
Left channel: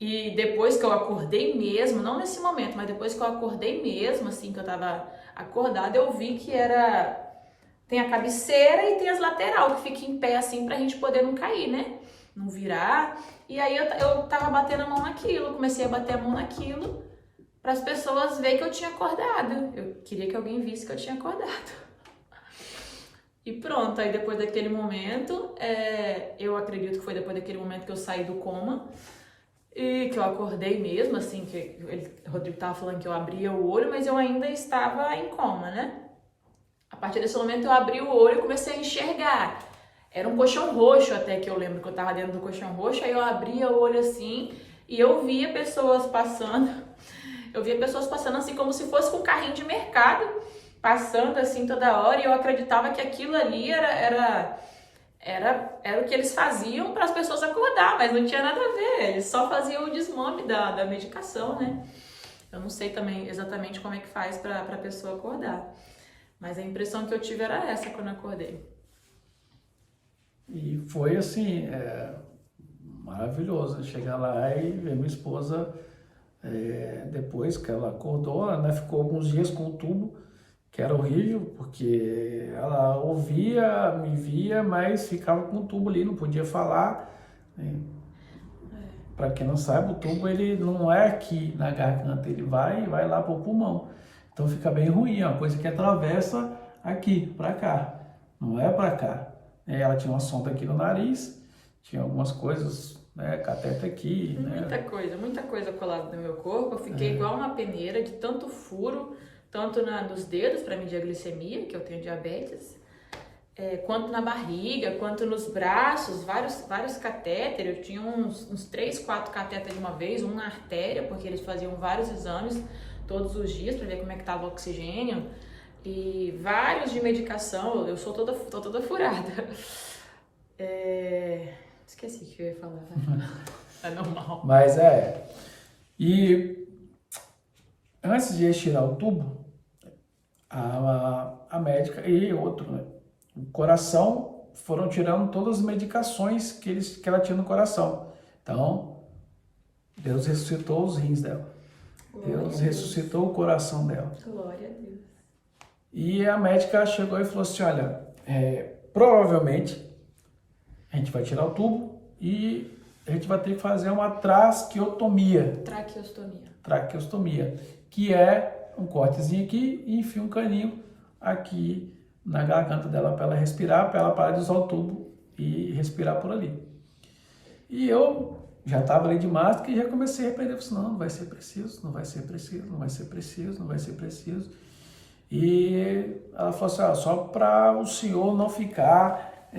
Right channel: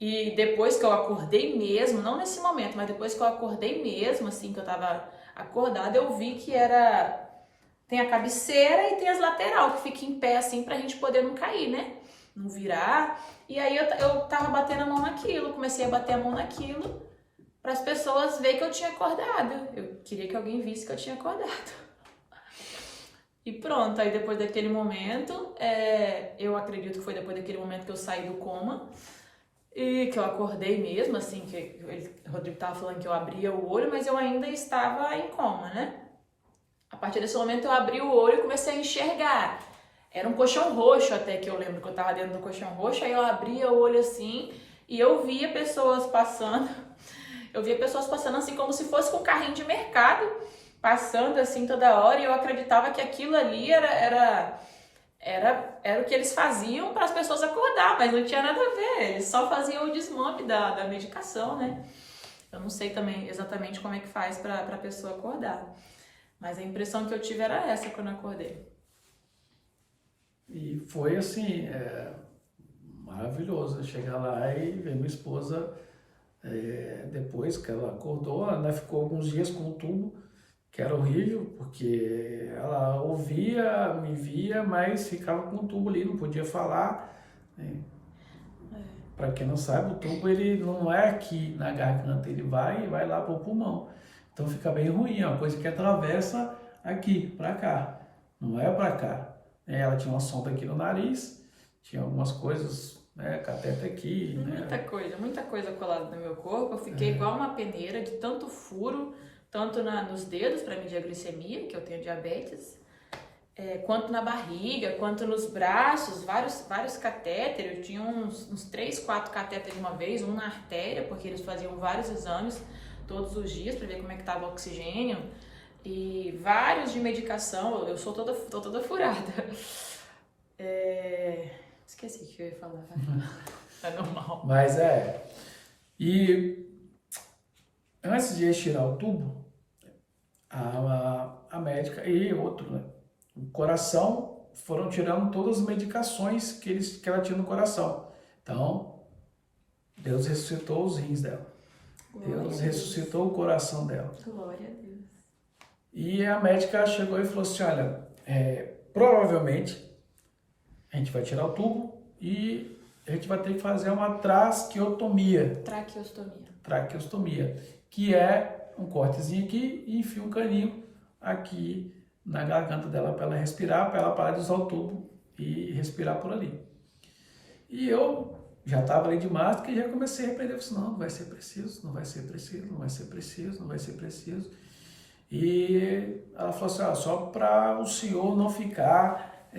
e depois que eu acordei mesmo, não nesse momento, mas depois que eu acordei mesmo, assim, que eu tava acordada, eu vi que tem a cabeceira e tem as lateral, que fica em pé assim pra gente poder não cair, né? Não virar. E aí eu tava batendo a mão naquilo, comecei a bater a mão naquilo para as pessoas verem que eu tinha acordado. Eu queria que alguém visse que eu tinha acordado. E pronto, aí depois daquele momento, eu acredito que foi depois daquele momento que eu saí do coma, E que eu acordei mesmo, assim, o Rodrigo tava falando que eu abria o olho, mas eu ainda estava em coma, né? A partir desse momento eu abri o olho e comecei a enxergar. Era um colchão roxo até, que eu lembro que eu tava dentro do colchão roxo, aí eu abria o olho assim e eu via pessoas passando. Eu via pessoas passando assim como se fosse com um carrinho de mercado, passando assim toda hora, e eu acreditava que aquilo ali era o que eles faziam para as pessoas acordar, mas não tinha nada a ver, eles só faziam o desmame da medicação, né? Eu não sei também exatamente como é que faz para a pessoa acordar, mas a impressão que eu tive era essa quando eu acordei. E foi assim, maravilhoso chegar lá e ver minha esposa, depois que ela acordou, ela ficou alguns dias com o tubo, que era horrível, porque ela ouvia, me via, mas ficava com o tubo ali, não podia falar, né? Para quem não sabe, o tubo ele não é aqui na garganta, ele vai lá para o pulmão. Então fica bem ruim, é uma coisa que atravessa aqui, para cá, não é para cá. Ela tinha uma sonda aqui no nariz, tinha algumas coisas, né, catéter aqui, né? Muita coisa colada no meu corpo. Eu fiquei igual uma peneira de tanto furo, tanto nos dedos para medir a glicemia, que eu tenho diabetes, quanto na barriga, quanto nos braços, vários catéteres. Eu tinha uns 3, 4 catéteres de uma vez, um na artéria, porque eles faziam vários exames todos os dias para ver como é que estava o oxigênio, e vários de medicação. Eu tô toda furada. Esqueci o que eu ia falar. É normal. Mas e antes de eles tirar o tubo, a médica e outro, né, o coração, foram tirando todas as medicações que ela tinha no coração. Então, Deus ressuscitou os rins dela. Deus ressuscitou o coração dela. Glória a Deus. E a médica chegou e falou assim, olha, provavelmente a gente vai tirar o tubo e a gente vai ter que fazer uma traqueostomia. Traqueostomia, que é um cortezinho aqui e enfia um caninho aqui na garganta dela para ela respirar, para ela parar de usar o tubo e respirar por ali. E eu já estava ali de máscara e já comecei a repreender, eu falei, não vai ser preciso, não vai ser preciso, não vai ser preciso, não vai ser preciso. E ela falou assim, só para o senhor não ficar,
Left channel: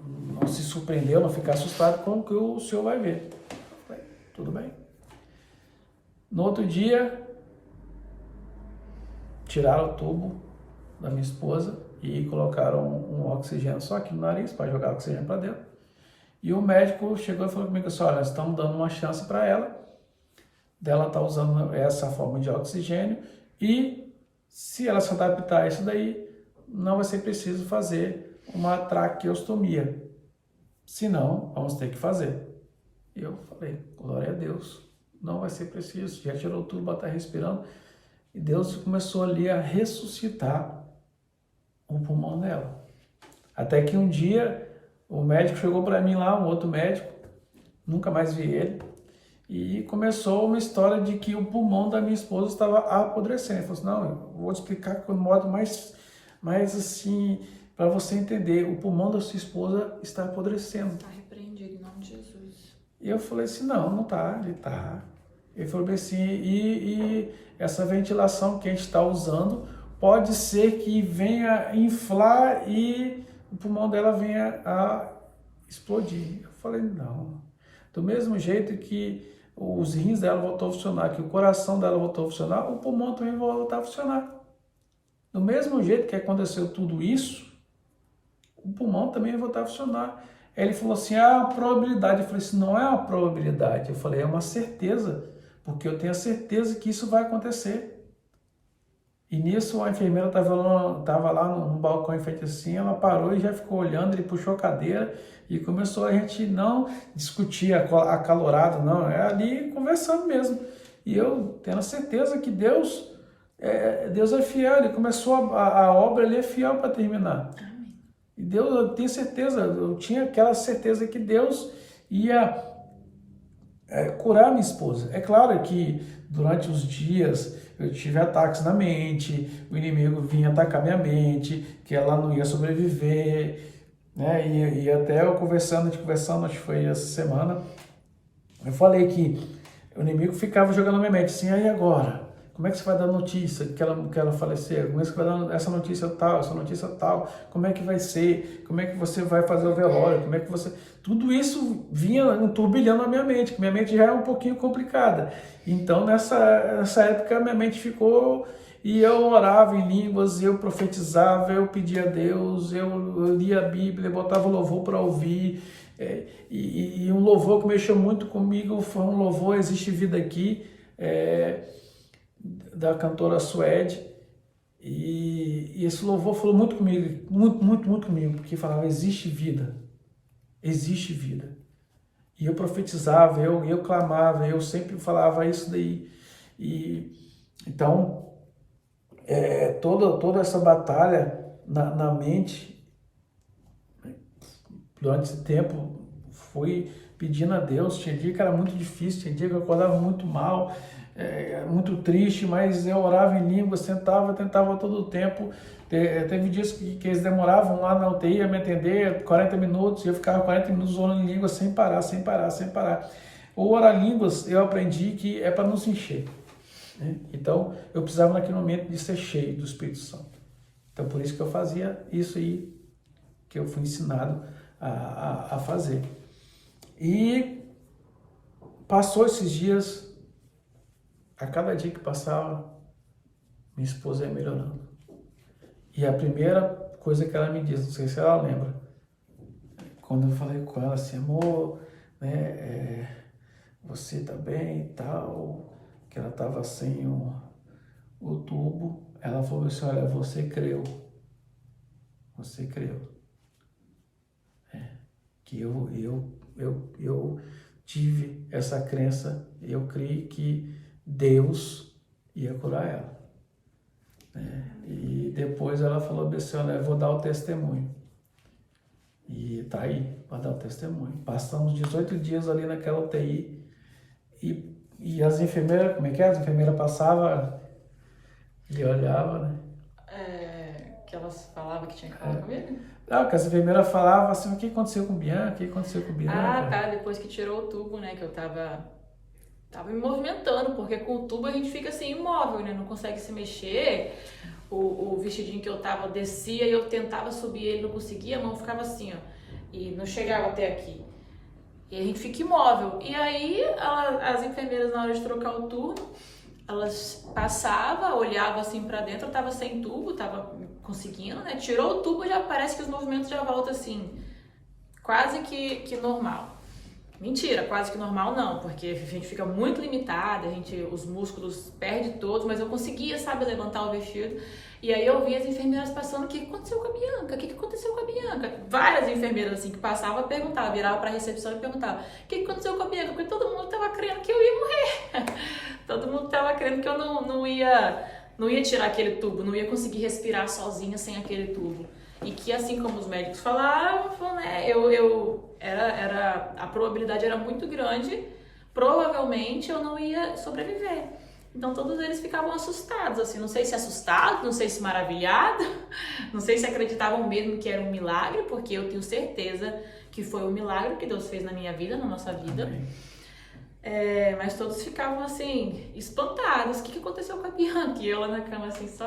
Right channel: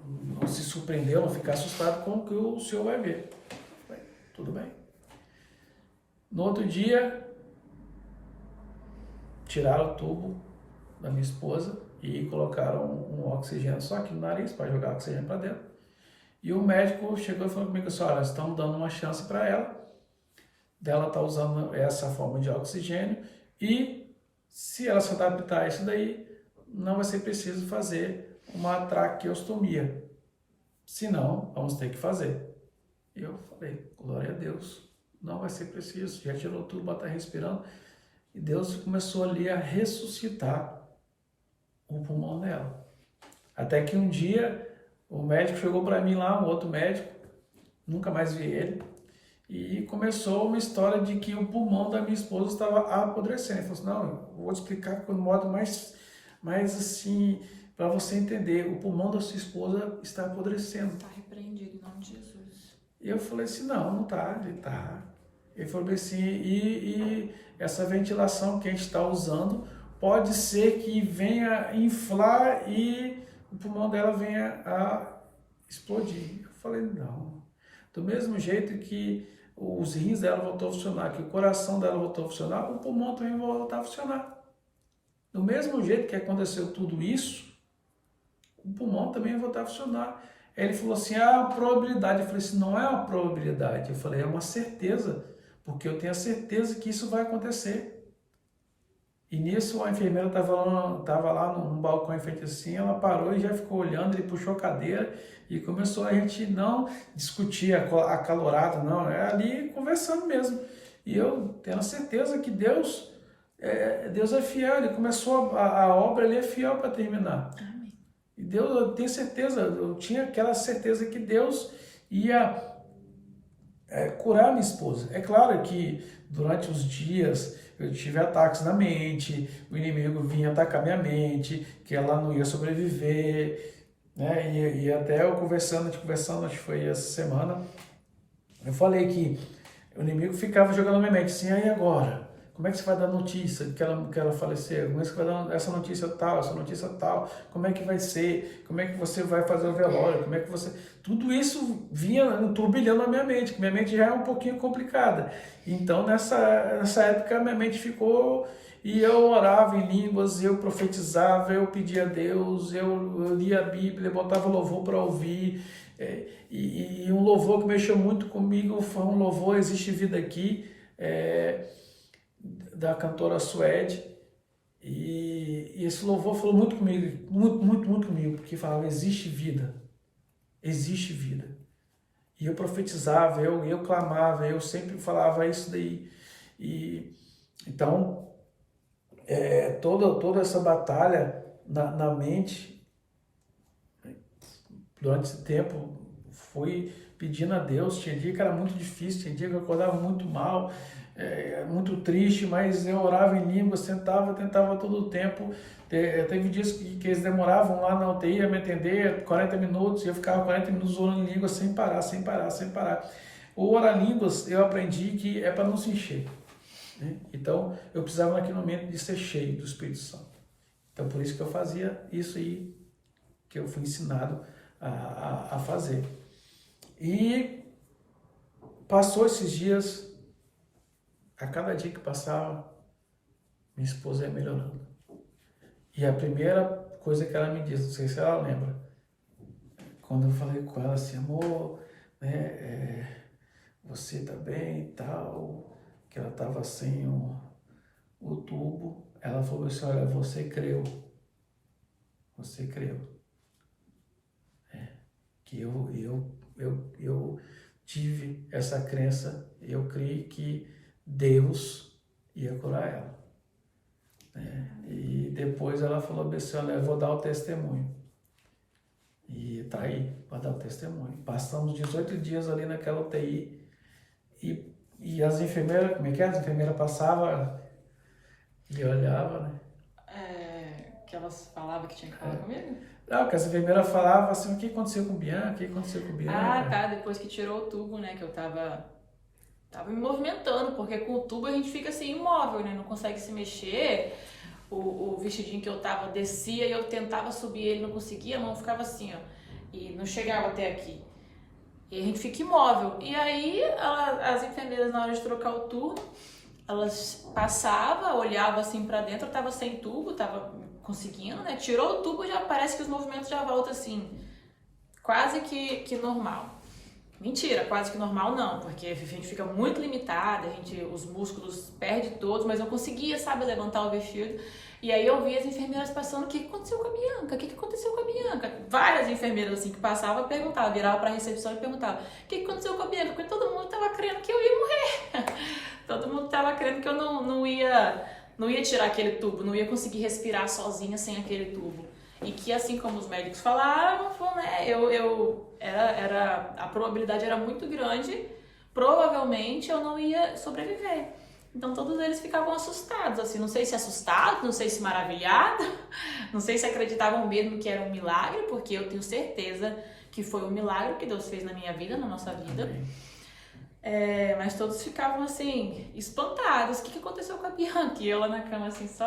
não se surpreender, não ficar assustado com o que o senhor vai ver. Eu falei, tudo bem. No outro dia, tiraram o tubo da minha esposa e colocaram um oxigênio só aqui no nariz para jogar oxigênio para dentro. E o médico chegou e falou comigo assim, olha, estamos dando uma chance para ela, dela estar usando essa forma de oxigênio, e se ela se adaptar a isso daí, não vai ser preciso fazer uma traqueostomia. Se não, vamos ter que fazer. E eu falei, glória a Deus, não vai ser preciso, já tirou tudo, está respirando. E Deus começou ali a ressuscitar o pulmão dela. Até que um dia o médico chegou para mim lá, um outro médico, nunca mais vi ele, e começou uma história de que o pulmão da minha esposa estava apodrecendo. Ele falou assim, não, eu vou te explicar de um modo mais assim, para você entender, o pulmão da sua esposa está apodrecendo. Está repreendido em nome de Jesus. E eu falei assim, não está, ele está. Ele falou assim, e essa ventilação que a gente está usando pode ser que venha inflar e o pulmão dela venha a explodir. Eu falei, não. Do mesmo jeito que os rins dela voltou a funcionar, que o coração dela voltou a funcionar, o pulmão também vai voltar a funcionar. Do mesmo jeito que aconteceu tudo isso, o pulmão também vai voltar a funcionar. Aí ele falou assim, a probabilidade. Eu falei assim, não é uma probabilidade. Eu falei, é uma certeza, porque eu tenho a certeza que isso vai acontecer. E nisso a enfermeira estava lá no balcão em frente assim, ela parou e já ficou olhando, ele puxou a cadeira e começou a gente não discutir acalorado, não, ali conversando mesmo. E eu tenho a certeza que Deus é fiel, ele começou a obra, ele é fiel para terminar. Amém. E Deus, eu tenho certeza, eu tinha aquela certeza que Deus ia curar minha esposa. É claro que durante os dias eu tive ataques na mente, o inimigo vinha atacar minha mente, que ela não ia sobreviver, né? E até eu conversando, acho que foi essa semana, Eu falei que o inimigo ficava jogando na minha mente assim, aí agora? Como é que você vai dar notícia que ela faleceu? Como é que você vai dar essa notícia tal? Como é que vai ser? Como é que você vai fazer o velório? Como é que você... Tudo isso vinha um turbilhão na minha mente, que minha mente já é um pouquinho complicada. Então, nessa época, minha mente ficou... E eu orava em línguas, eu profetizava, eu pedia a Deus, eu lia a Bíblia, botava louvor para ouvir. E um louvor que mexeu muito comigo foi um louvor Existe Vida Aqui, da cantora Suede. E esse louvor falou muito comigo, muito comigo, porque falava, existe vida. E eu profetizava, eu clamava, eu sempre falava isso daí. E então, toda essa batalha na mente, durante esse tempo, fui pedindo a Deus. Tinha dia que era muito difícil, tinha dia que eu acordava muito mal, muito triste, mas eu orava em língua, tentava todo o tempo. Teve dias que eles demoravam lá na UTI a me atender 40 minutos, e eu ficava 40 minutos orando em língua sem parar. O orar línguas, eu aprendi que é para não se encher, né? Então, eu precisava naquele momento de ser cheio do Espírito Santo. Então, por isso que eu fazia isso aí, que eu fui ensinado a fazer. E passou esses dias, a cada dia que passava, minha esposa ia melhorando. E a primeira coisa que ela me disse, não sei se ela lembra, quando eu falei com ela assim, amor, né, você tá bem e tal, que ela estava sem o tubo, ela falou assim, olha, você creu. Que eu tive essa crença, eu criei que Deus ia curar ela. E depois ela falou assim, olha, eu vou dar o testemunho. E tá aí, para dar o testemunho. Passamos 18 dias ali naquela UTI, e as enfermeiras, como é que é? As enfermeiras passavam e olhavam, né? Que elas falavam que tinha que falar comigo? Não, que as enfermeiras falavam assim, o que aconteceu com Bianca? Ah, tá, depois que tirou o tubo, né, que eu tava me movimentando, porque com o tubo a gente fica assim, imóvel, né, não consegue se mexer. O vestidinho que eu tava descia e eu tentava subir ele, não conseguia, a mão ficava assim, ó, e não chegava até aqui. E a gente fica imóvel. E aí, as enfermeiras, na hora de trocar o turno, elas passavam, olhavam assim pra dentro, eu tava sem tubo, tava conseguindo, né? Tirou o tubo, já parece que os movimentos já voltam assim, quase que normal. Mentira, quase que normal não, porque a gente fica muito limitada, os músculos perdem todos, mas eu conseguia, sabe, levantar o vestido. E aí eu vi as enfermeiras passando, o que aconteceu com a Bianca? O que aconteceu com a Bianca? Várias enfermeiras assim que passavam perguntavam, viravam pra recepção e perguntavam, o que aconteceu com a Bianca? Porque todo mundo tava crendo que eu ia morrer. Todo mundo tava crendo que eu não ia tirar aquele tubo, não ia conseguir respirar sozinha sem aquele tubo. E que, assim como os médicos falaram, né, a probabilidade era muito grande, provavelmente eu não ia sobreviver. Então todos eles ficavam assustados, assim, não sei se assustados, não sei se maravilhados, não sei se acreditavam mesmo que era um milagre, porque eu tenho certeza que foi um milagre que Deus fez na minha vida, na nossa vida. Mas todos ficavam assim, espantados, o que aconteceu com a Bianca? E eu lá na cama assim, só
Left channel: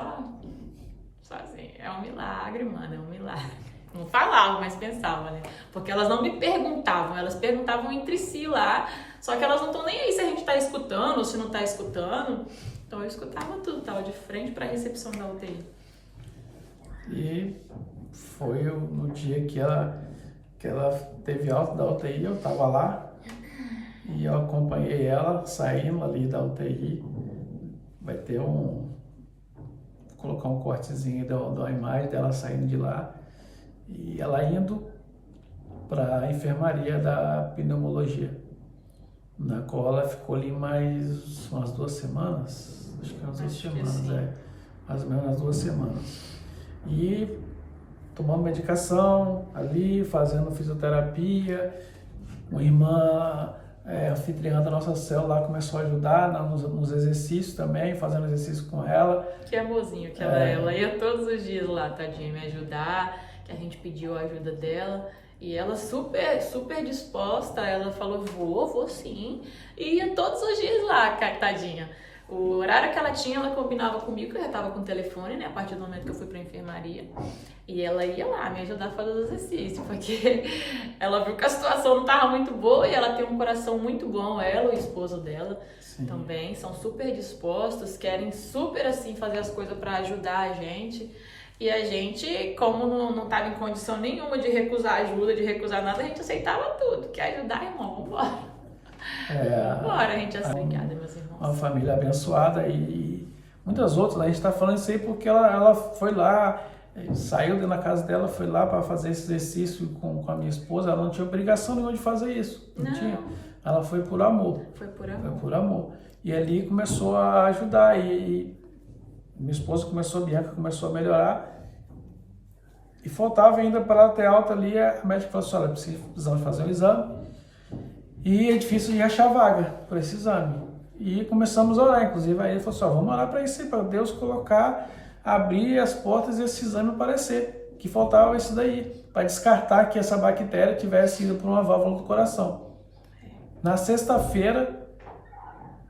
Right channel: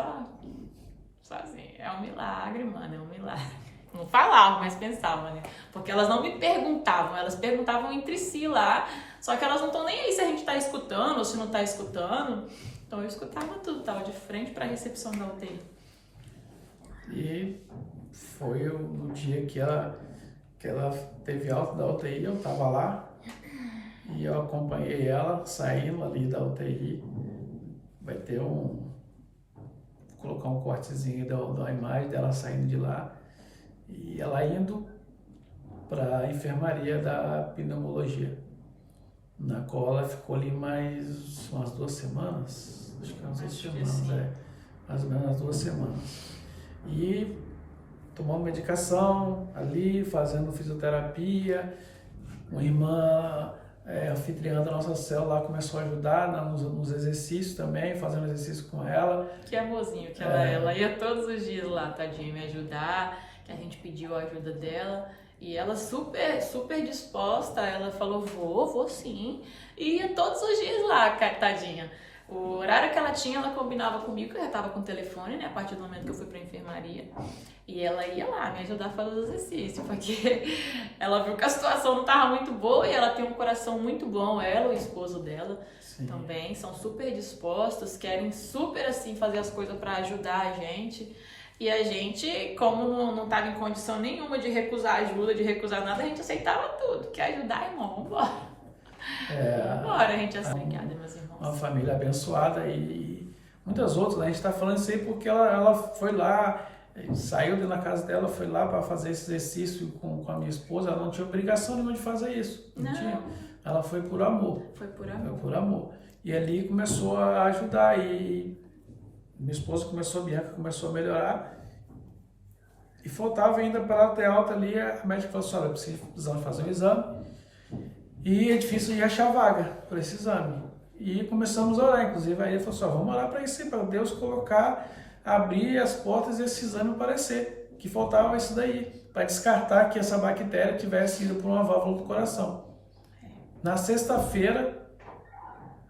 assim, é um milagre, mano, é um milagre. Não falavam, mas pensavam, né? Porque elas não me perguntavam, elas perguntavam entre si lá, só que elas não estão nem aí se a gente tá escutando ou se não tá escutando. Então eu escutava tudo, tava de frente pra recepção da UTI. E foi no dia que ela teve alta da UTI, eu tava lá, e eu acompanhei ela saindo ali da UTI. Vai ter colocar um cortezinho da imagem dela saindo de lá e ela indo para a enfermaria da pneumologia, na qual ela ficou ali mais umas 2 semanas, acho que umas 2 semanas, mais ou menos umas 2 semanas. E tomando medicação ali, fazendo fisioterapia. Uma irmã anfitriã da nossa célula lá começou a ajudar nos exercícios também, fazendo exercício com ela. Que amorzinho que ela ia todos os dias lá, tadinha, me ajudar. que a gente pediu a ajuda dela. E ela super disposta, ela falou, vou sim. E ia todos os dias lá, tadinha. O horário que ela tinha, ela combinava comigo, que eu já tava com o telefone, né? A partir do momento que eu fui pra enfermaria. E ela ia lá me ajudar a fazer os exercícios, porque ela viu que a situação não tava muito boa e ela tem um coração muito bom, ela, o esposo dela também, são super dispostos, querem super assim fazer as coisas pra ajudar a gente. E a gente, como não tava em condição nenhuma de recusar ajuda, de recusar nada, a gente aceitava tudo. Quer ajudar, irmão? Vambora. Vambora, a gente obrigada, meus irmãos. Uma família abençoada e muitas outras, né? A gente está falando isso aí porque ela foi lá, saiu da casa dela, foi lá para fazer esse exercício com a minha esposa. Ela não tinha obrigação nenhuma de fazer isso. Não tinha. Ela foi por amor. Foi por amor. Foi por amor. E ali começou a ajudar. E minha esposa começou, a Bianca começou a melhorar. E faltava ainda para ela ter alta ali. A médica falou assim: olha, precisamos fazer um exame. E é difícil de achar vaga para esse exame. E começamos a orar. Inclusive, aí ele falou assim: ó, vamos orar para isso, para Deus colocar, abrir as portas e esse exame aparecer. Que faltava isso daí, para descartar que essa bactéria tivesse ido para uma válvula do coração. Na sexta-feira,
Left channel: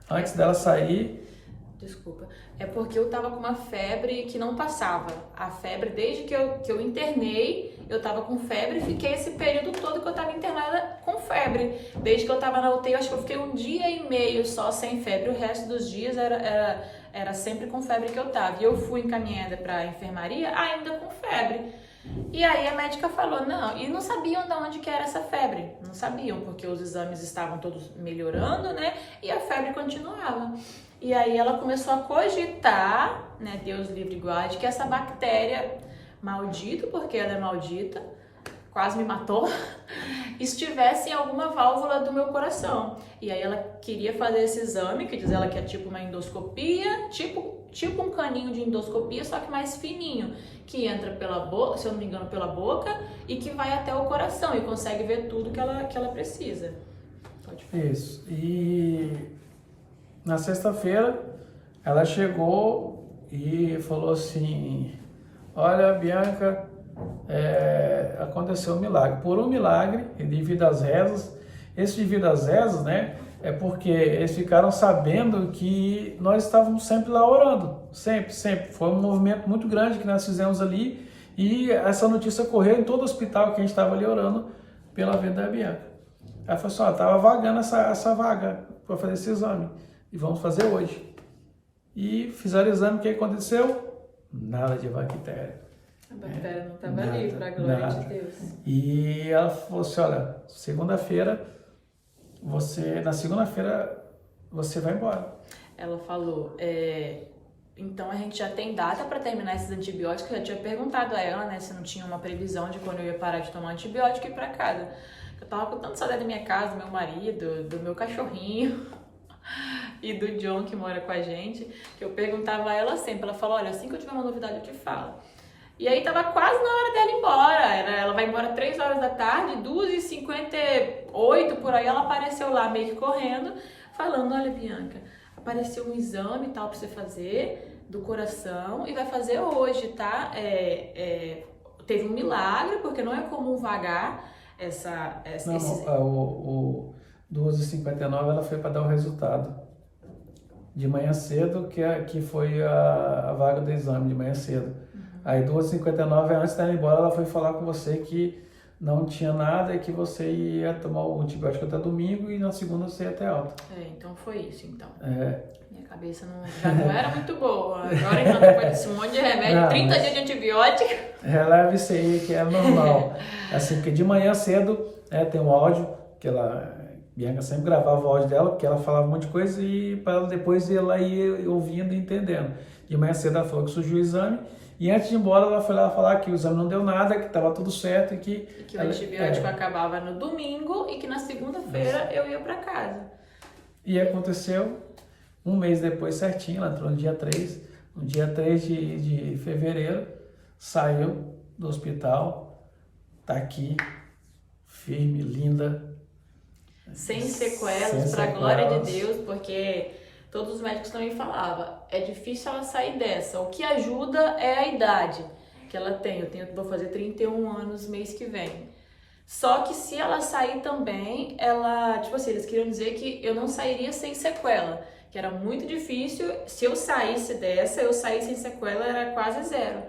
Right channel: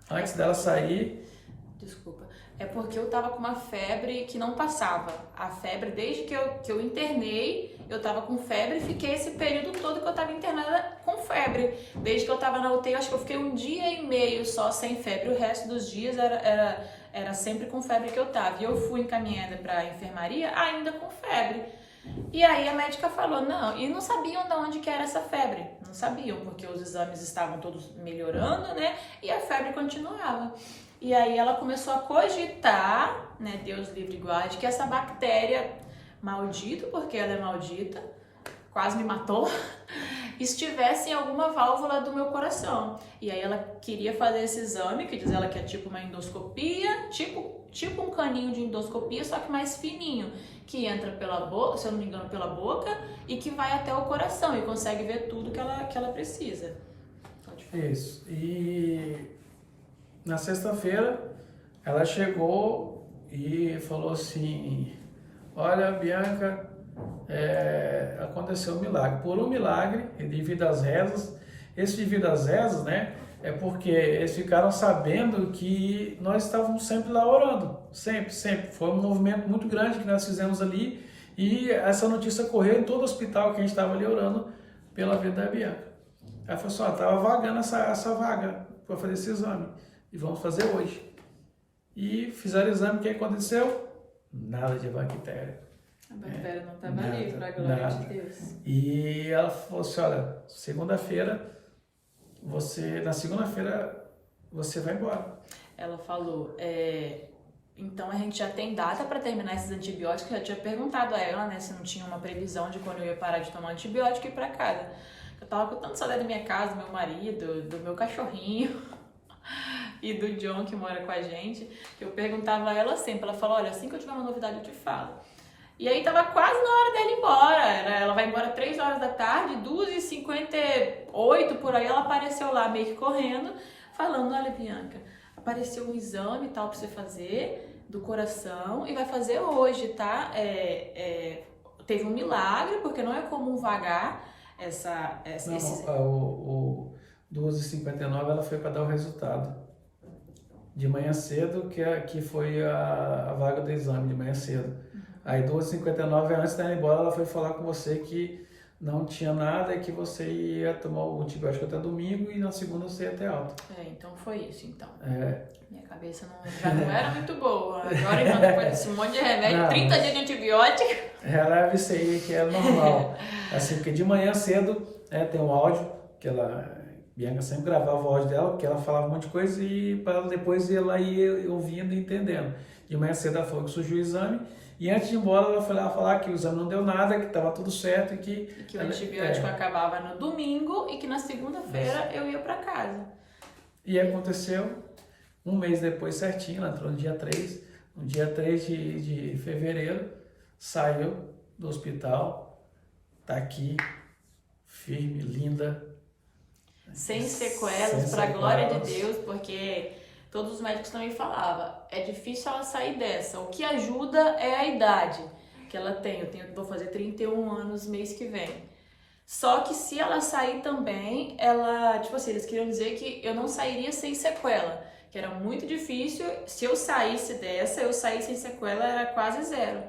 antes dela sair... Desculpa. É porque eu tava com uma febre que não passava. A febre, desde que eu internei, eu tava com febre e fiquei esse período todo que eu tava internada com febre. Desde que eu tava na UTI, eu acho que eu fiquei 1 dia e meio só sem febre. O resto dos dias era sempre com febre que eu tava. E eu fui encaminhada pra enfermaria ainda com febre. E aí a médica falou, não, e não sabiam de onde que era essa febre. Não sabiam, porque os exames estavam todos melhorando, né? E a febre continuava. E aí ela começou a cogitar, né, Deus livre e guarde, que essa bactéria maldita, porque ela é maldita, quase me matou, estivesse em alguma válvula do meu coração. E aí ela queria fazer esse exame, que diz ela que é tipo uma endoscopia, tipo um caninho de endoscopia, só que mais fininho, que entra pela boca, se eu não me engano, pela boca, e que vai até o coração e consegue ver tudo que ela precisa. Pode falar. Isso. E na sexta-feira ela chegou e falou assim: olha, Bianca, aconteceu um milagre. Por um milagre, devido às rezas, esse devido às rezas, né, é porque eles ficaram sabendo que nós estávamos sempre lá orando, sempre. Foi um movimento muito grande que nós fizemos ali e essa notícia correu em todo o hospital que a gente estava ali orando pela vida da Bianca. Ela falou assim: ó, estava vagando essa vaga para fazer esse exame e vamos fazer hoje. E fizeram o exame, o que aconteceu? Nada de bactéria. A bactéria não estava ali, para a glória de Deus. E ela falou assim: olha, na segunda-feira você vai embora. Ela falou, então a gente já tem data para terminar esses antibióticos. Eu já tinha perguntado a ela, né, se não tinha uma previsão de quando eu ia parar de tomar antibiótico e ir para casa. Eu tava com tanta saudade da minha casa, do meu marido, do meu cachorrinho e do John, que mora com a gente, que eu perguntava a ela sempre. Ela falou: olha, assim que eu tiver uma novidade eu te falo. E aí tava quase na hora dela ir embora. Ela vai embora 3 horas da tarde, 2h58 por aí, ela apareceu lá meio que correndo, falando: olha, Bianca, apareceu um exame e tal pra você fazer do coração e vai fazer hoje, tá? Teve um milagre, porque não é comum vagar o 2h59 ela foi para dar o resultado. De manhã cedo, que foi a vaga do exame, de manhã cedo. Aí 2h59, antes de ir embora, ela foi falar com você que não tinha nada e que você ia tomar o antibiótico até domingo e na segunda você ia até alta. Então foi isso, então. Minha cabeça já não era muito boa. Agora, então, depois desse monte de remédio, 30 dias de antibiótico. Releva isso aí, que é normal. Assim, porque de manhã cedo, tem um áudio, que Bianca sempre gravava o áudio dela, porque ela falava um monte de coisa e para ela depois ela ia ouvindo e entendendo. De manhã cedo ela falou que surgiu o exame. E antes de ir embora, ela foi lá falar que o exame não deu nada, que estava tudo certo e que o antibiótico acabava no domingo e que na segunda-feira eu ia para casa. E aconteceu 1 mês depois certinho, ela entrou no dia 3. No dia 3 de fevereiro, saiu do hospital, tá aqui, firme, linda. Sem sequelas, para a glória de Deus, porque todos os médicos também falavam, é difícil ela sair dessa. O que ajuda é a idade. que ela tem. Vou fazer 31 anos mês que vem. Só que se ela sair também, ela, tipo assim, eles queriam dizer que eu não sairia sem sequela, que era muito difícil. Se eu saísse dessa, eu sair sem sequela era quase zero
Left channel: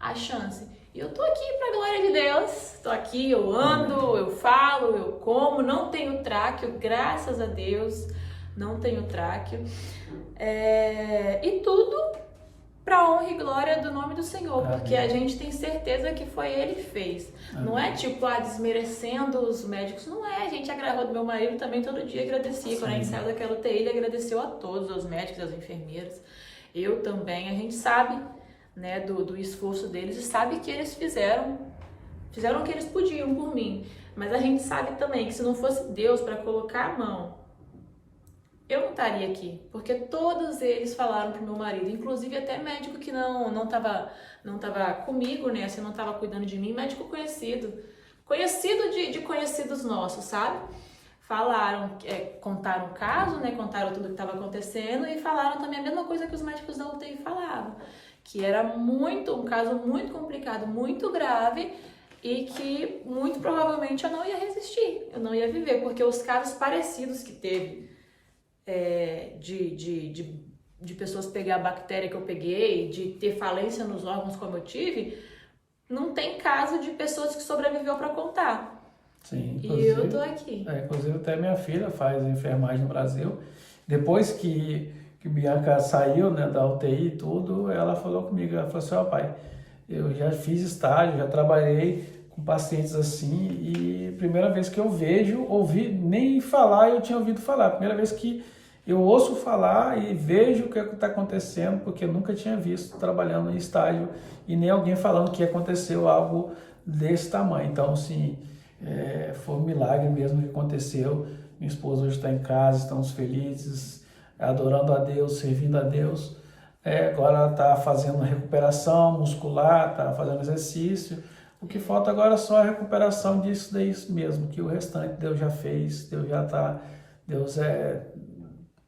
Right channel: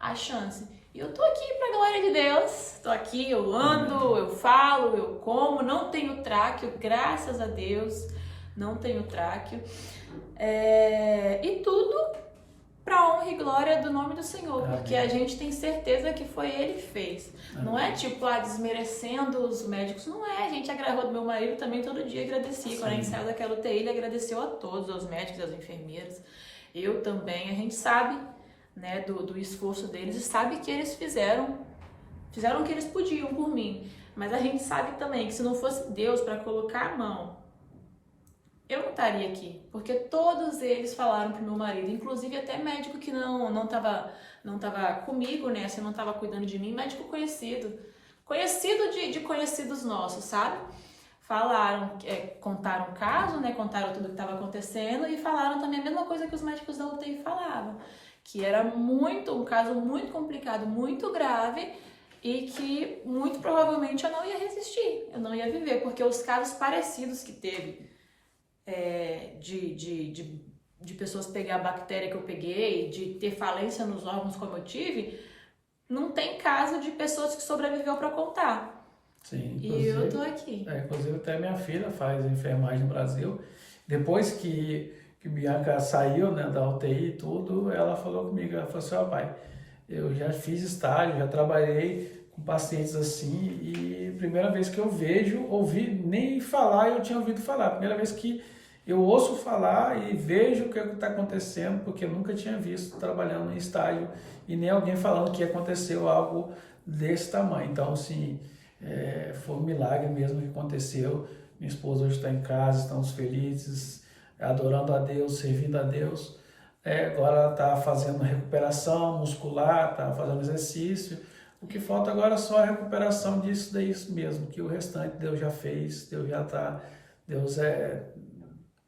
a chance. E eu tô aqui pra glória de Deus, tô aqui, eu ando, eu falo, eu como, não tenho tráqueo, graças a Deus, não tenho tráqueo. E tudo pra honra e glória do nome do Senhor, porque a gente tem certeza que foi Ele que fez. Não é tipo, desmerecendo os médicos, não é. A gente agarrou do meu marido também todo dia, agradecia. Sim. Quando a gente saiu daquela UTI, ele agradeceu a todos, aos médicos, às enfermeiras. Eu também, a gente sabe, né, do esforço deles e sabe que eles fizeram o que eles podiam por mim. Mas a gente sabe também que se não fosse Deus para colocar a mão, eu não estaria aqui, porque todos eles falaram pro meu marido, inclusive até médico que não tava comigo, né, assim, não tava cuidando de mim, médico conhecido de conhecidos nossos, sabe? Falaram, contaram o caso, né, contaram tudo que estava acontecendo e falaram também a mesma coisa que os médicos da UTI falavam, que era um caso muito complicado, muito grave e que muito provavelmente eu não ia resistir, eu não ia viver, porque os casos parecidos que teve de pessoas pegar a bactéria que eu peguei, de ter falência nos órgãos como eu tive, não tem caso de pessoas que sobreviveu para contar. Sim, e eu tô aqui. Inclusive até minha filha faz enfermagem no Brasil. Depois que Bianca saiu, né, da UTI e tudo, ela falou comigo, ela falou assim, pai, eu já fiz estágio, já trabalhei com pacientes assim, e primeira vez que eu ouvi, nem falar eu tinha ouvido falar, primeira vez que eu ouço falar e vejo o que está acontecendo, porque eu nunca tinha visto trabalhando em estágio e nem alguém falando que aconteceu algo desse tamanho. Então, assim, foi um milagre mesmo que aconteceu. Minha esposa hoje está em casa, estamos felizes, adorando a Deus, servindo a Deus. Agora ela está fazendo recuperação muscular, está fazendo exercício. O que falta agora é só a recuperação disso daí mesmo, que o restante Deus já fez, Deus já está...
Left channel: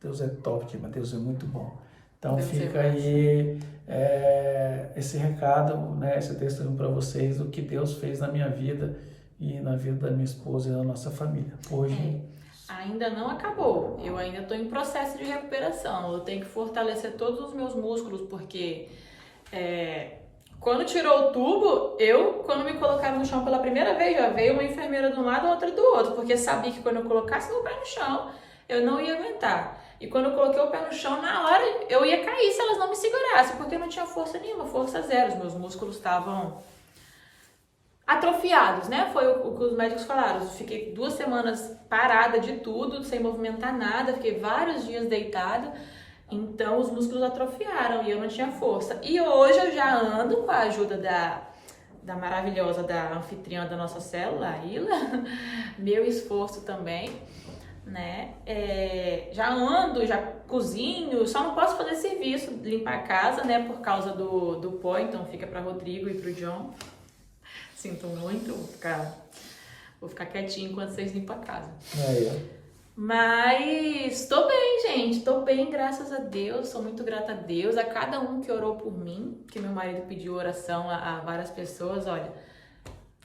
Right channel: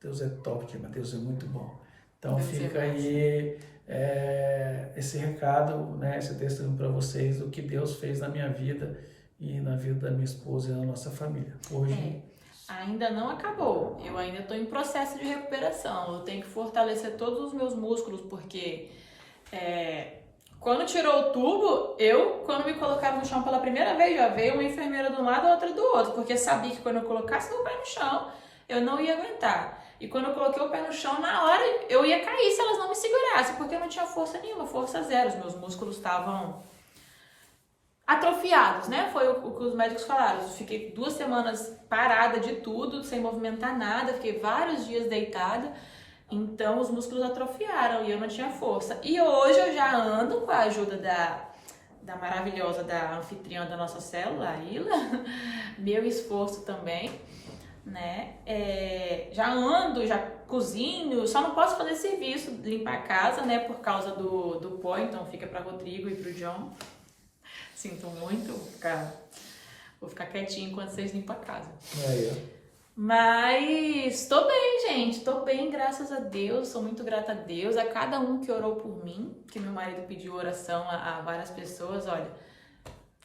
Deus é top, mas Deus é muito bom. Então Deus fica aí esse recado, né, esse testemunho para vocês, o que Deus fez na minha vida e na vida da minha esposa e na nossa família. Hoje... Ainda não acabou, eu ainda estou em processo de recuperação, eu tenho que fortalecer todos os meus músculos, porque quando tirou o tubo, quando me colocaram no chão pela primeira vez, já veio uma enfermeira de um lado e outra do outro, porque sabia que quando eu colocasse meu pé no chão, eu não ia aguentar. E quando eu coloquei o pé no chão, na hora eu ia cair se elas não me segurassem, porque eu não tinha força nenhuma, força zero. Os meus músculos estavam atrofiados, né? Foi o que os médicos falaram. Eu fiquei 2 semanas parada de tudo, sem movimentar nada, fiquei vários dias deitada. Então os músculos atrofiaram e eu não tinha força. E hoje eu já ando com a ajuda da maravilhosa, da anfitriã da nossa célula, a Ila, meu esforço também. Né? Já ando, já cozinho, só não posso fazer serviço, limpar a casa, né, por causa do pó, então fica para Rodrigo e pro John. Sinto muito, vou ficar quietinho enquanto vocês limpam a casa. Mas tô bem, gente, tô bem, graças a Deus, sou muito grata a Deus, a cada um que orou por mim, que meu marido pediu oração a várias pessoas, olha,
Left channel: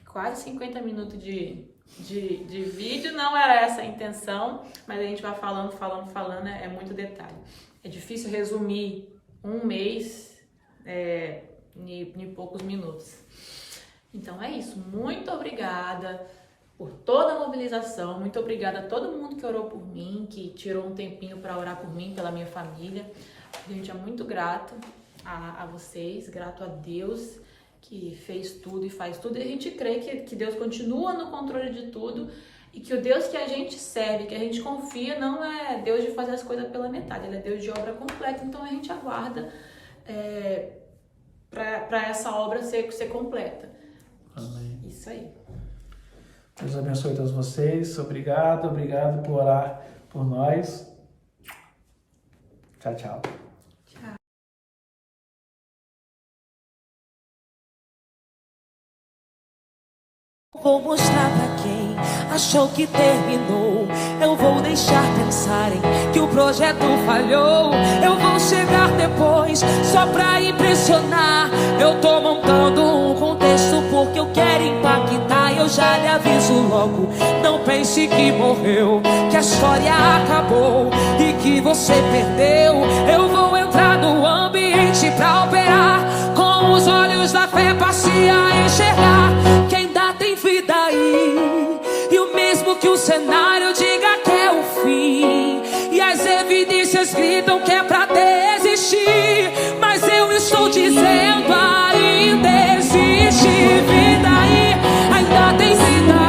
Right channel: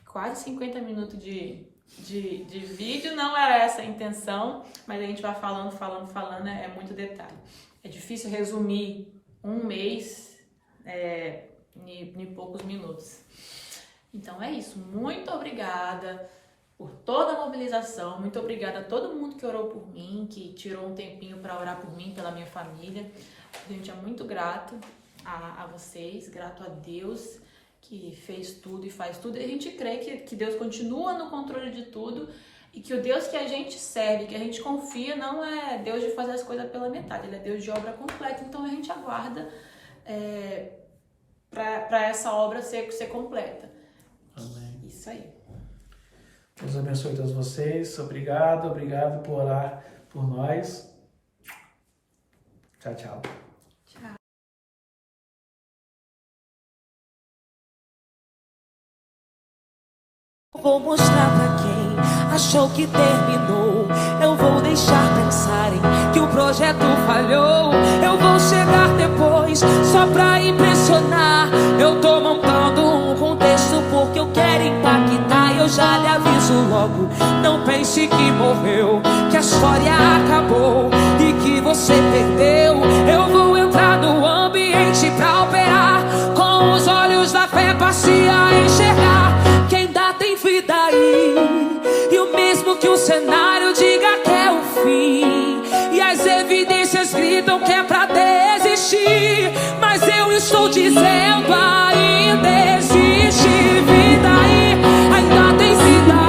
quase 50 minutos de vídeo, não era essa a intenção, mas a gente vai falando, é muito detalhe. É difícil resumir um mês em poucos minutos. Então é isso, muito obrigada por toda a mobilização, muito obrigada a todo mundo que orou por mim, que tirou um tempinho para orar por mim, pela minha família. A gente é muito grato a vocês, grato a Deus, que fez tudo e faz tudo, e a gente crê que Deus continua no controle de tudo e que o Deus que a gente serve, que a gente confia, não é Deus de fazer as coisas pela metade, Ele é Deus de obra completa, então a gente aguarda para essa obra ser completa. Amém. Isso aí. Deus abençoe todos vocês, obrigado por orar por nós. Tchau, tchau. Vou mostrar pra quem achou que terminou. Eu vou deixar pensarem que o projeto falhou. Eu vou chegar depois só pra impressionar. Eu tô montando um contexto porque eu quero impactar. Eu já lhe aviso logo, não pense que morreu, que a história acabou e que você perdeu. Eu vou entrar no ambiente pra operar, com os olhos da fé passe a enxergar que ainda tem vida aí. E o mesmo que o cenário diga que é o fim, e as evidências gritam que é pra desistir, mas eu estou dizendo ainda existe vida aí, ainda tem vida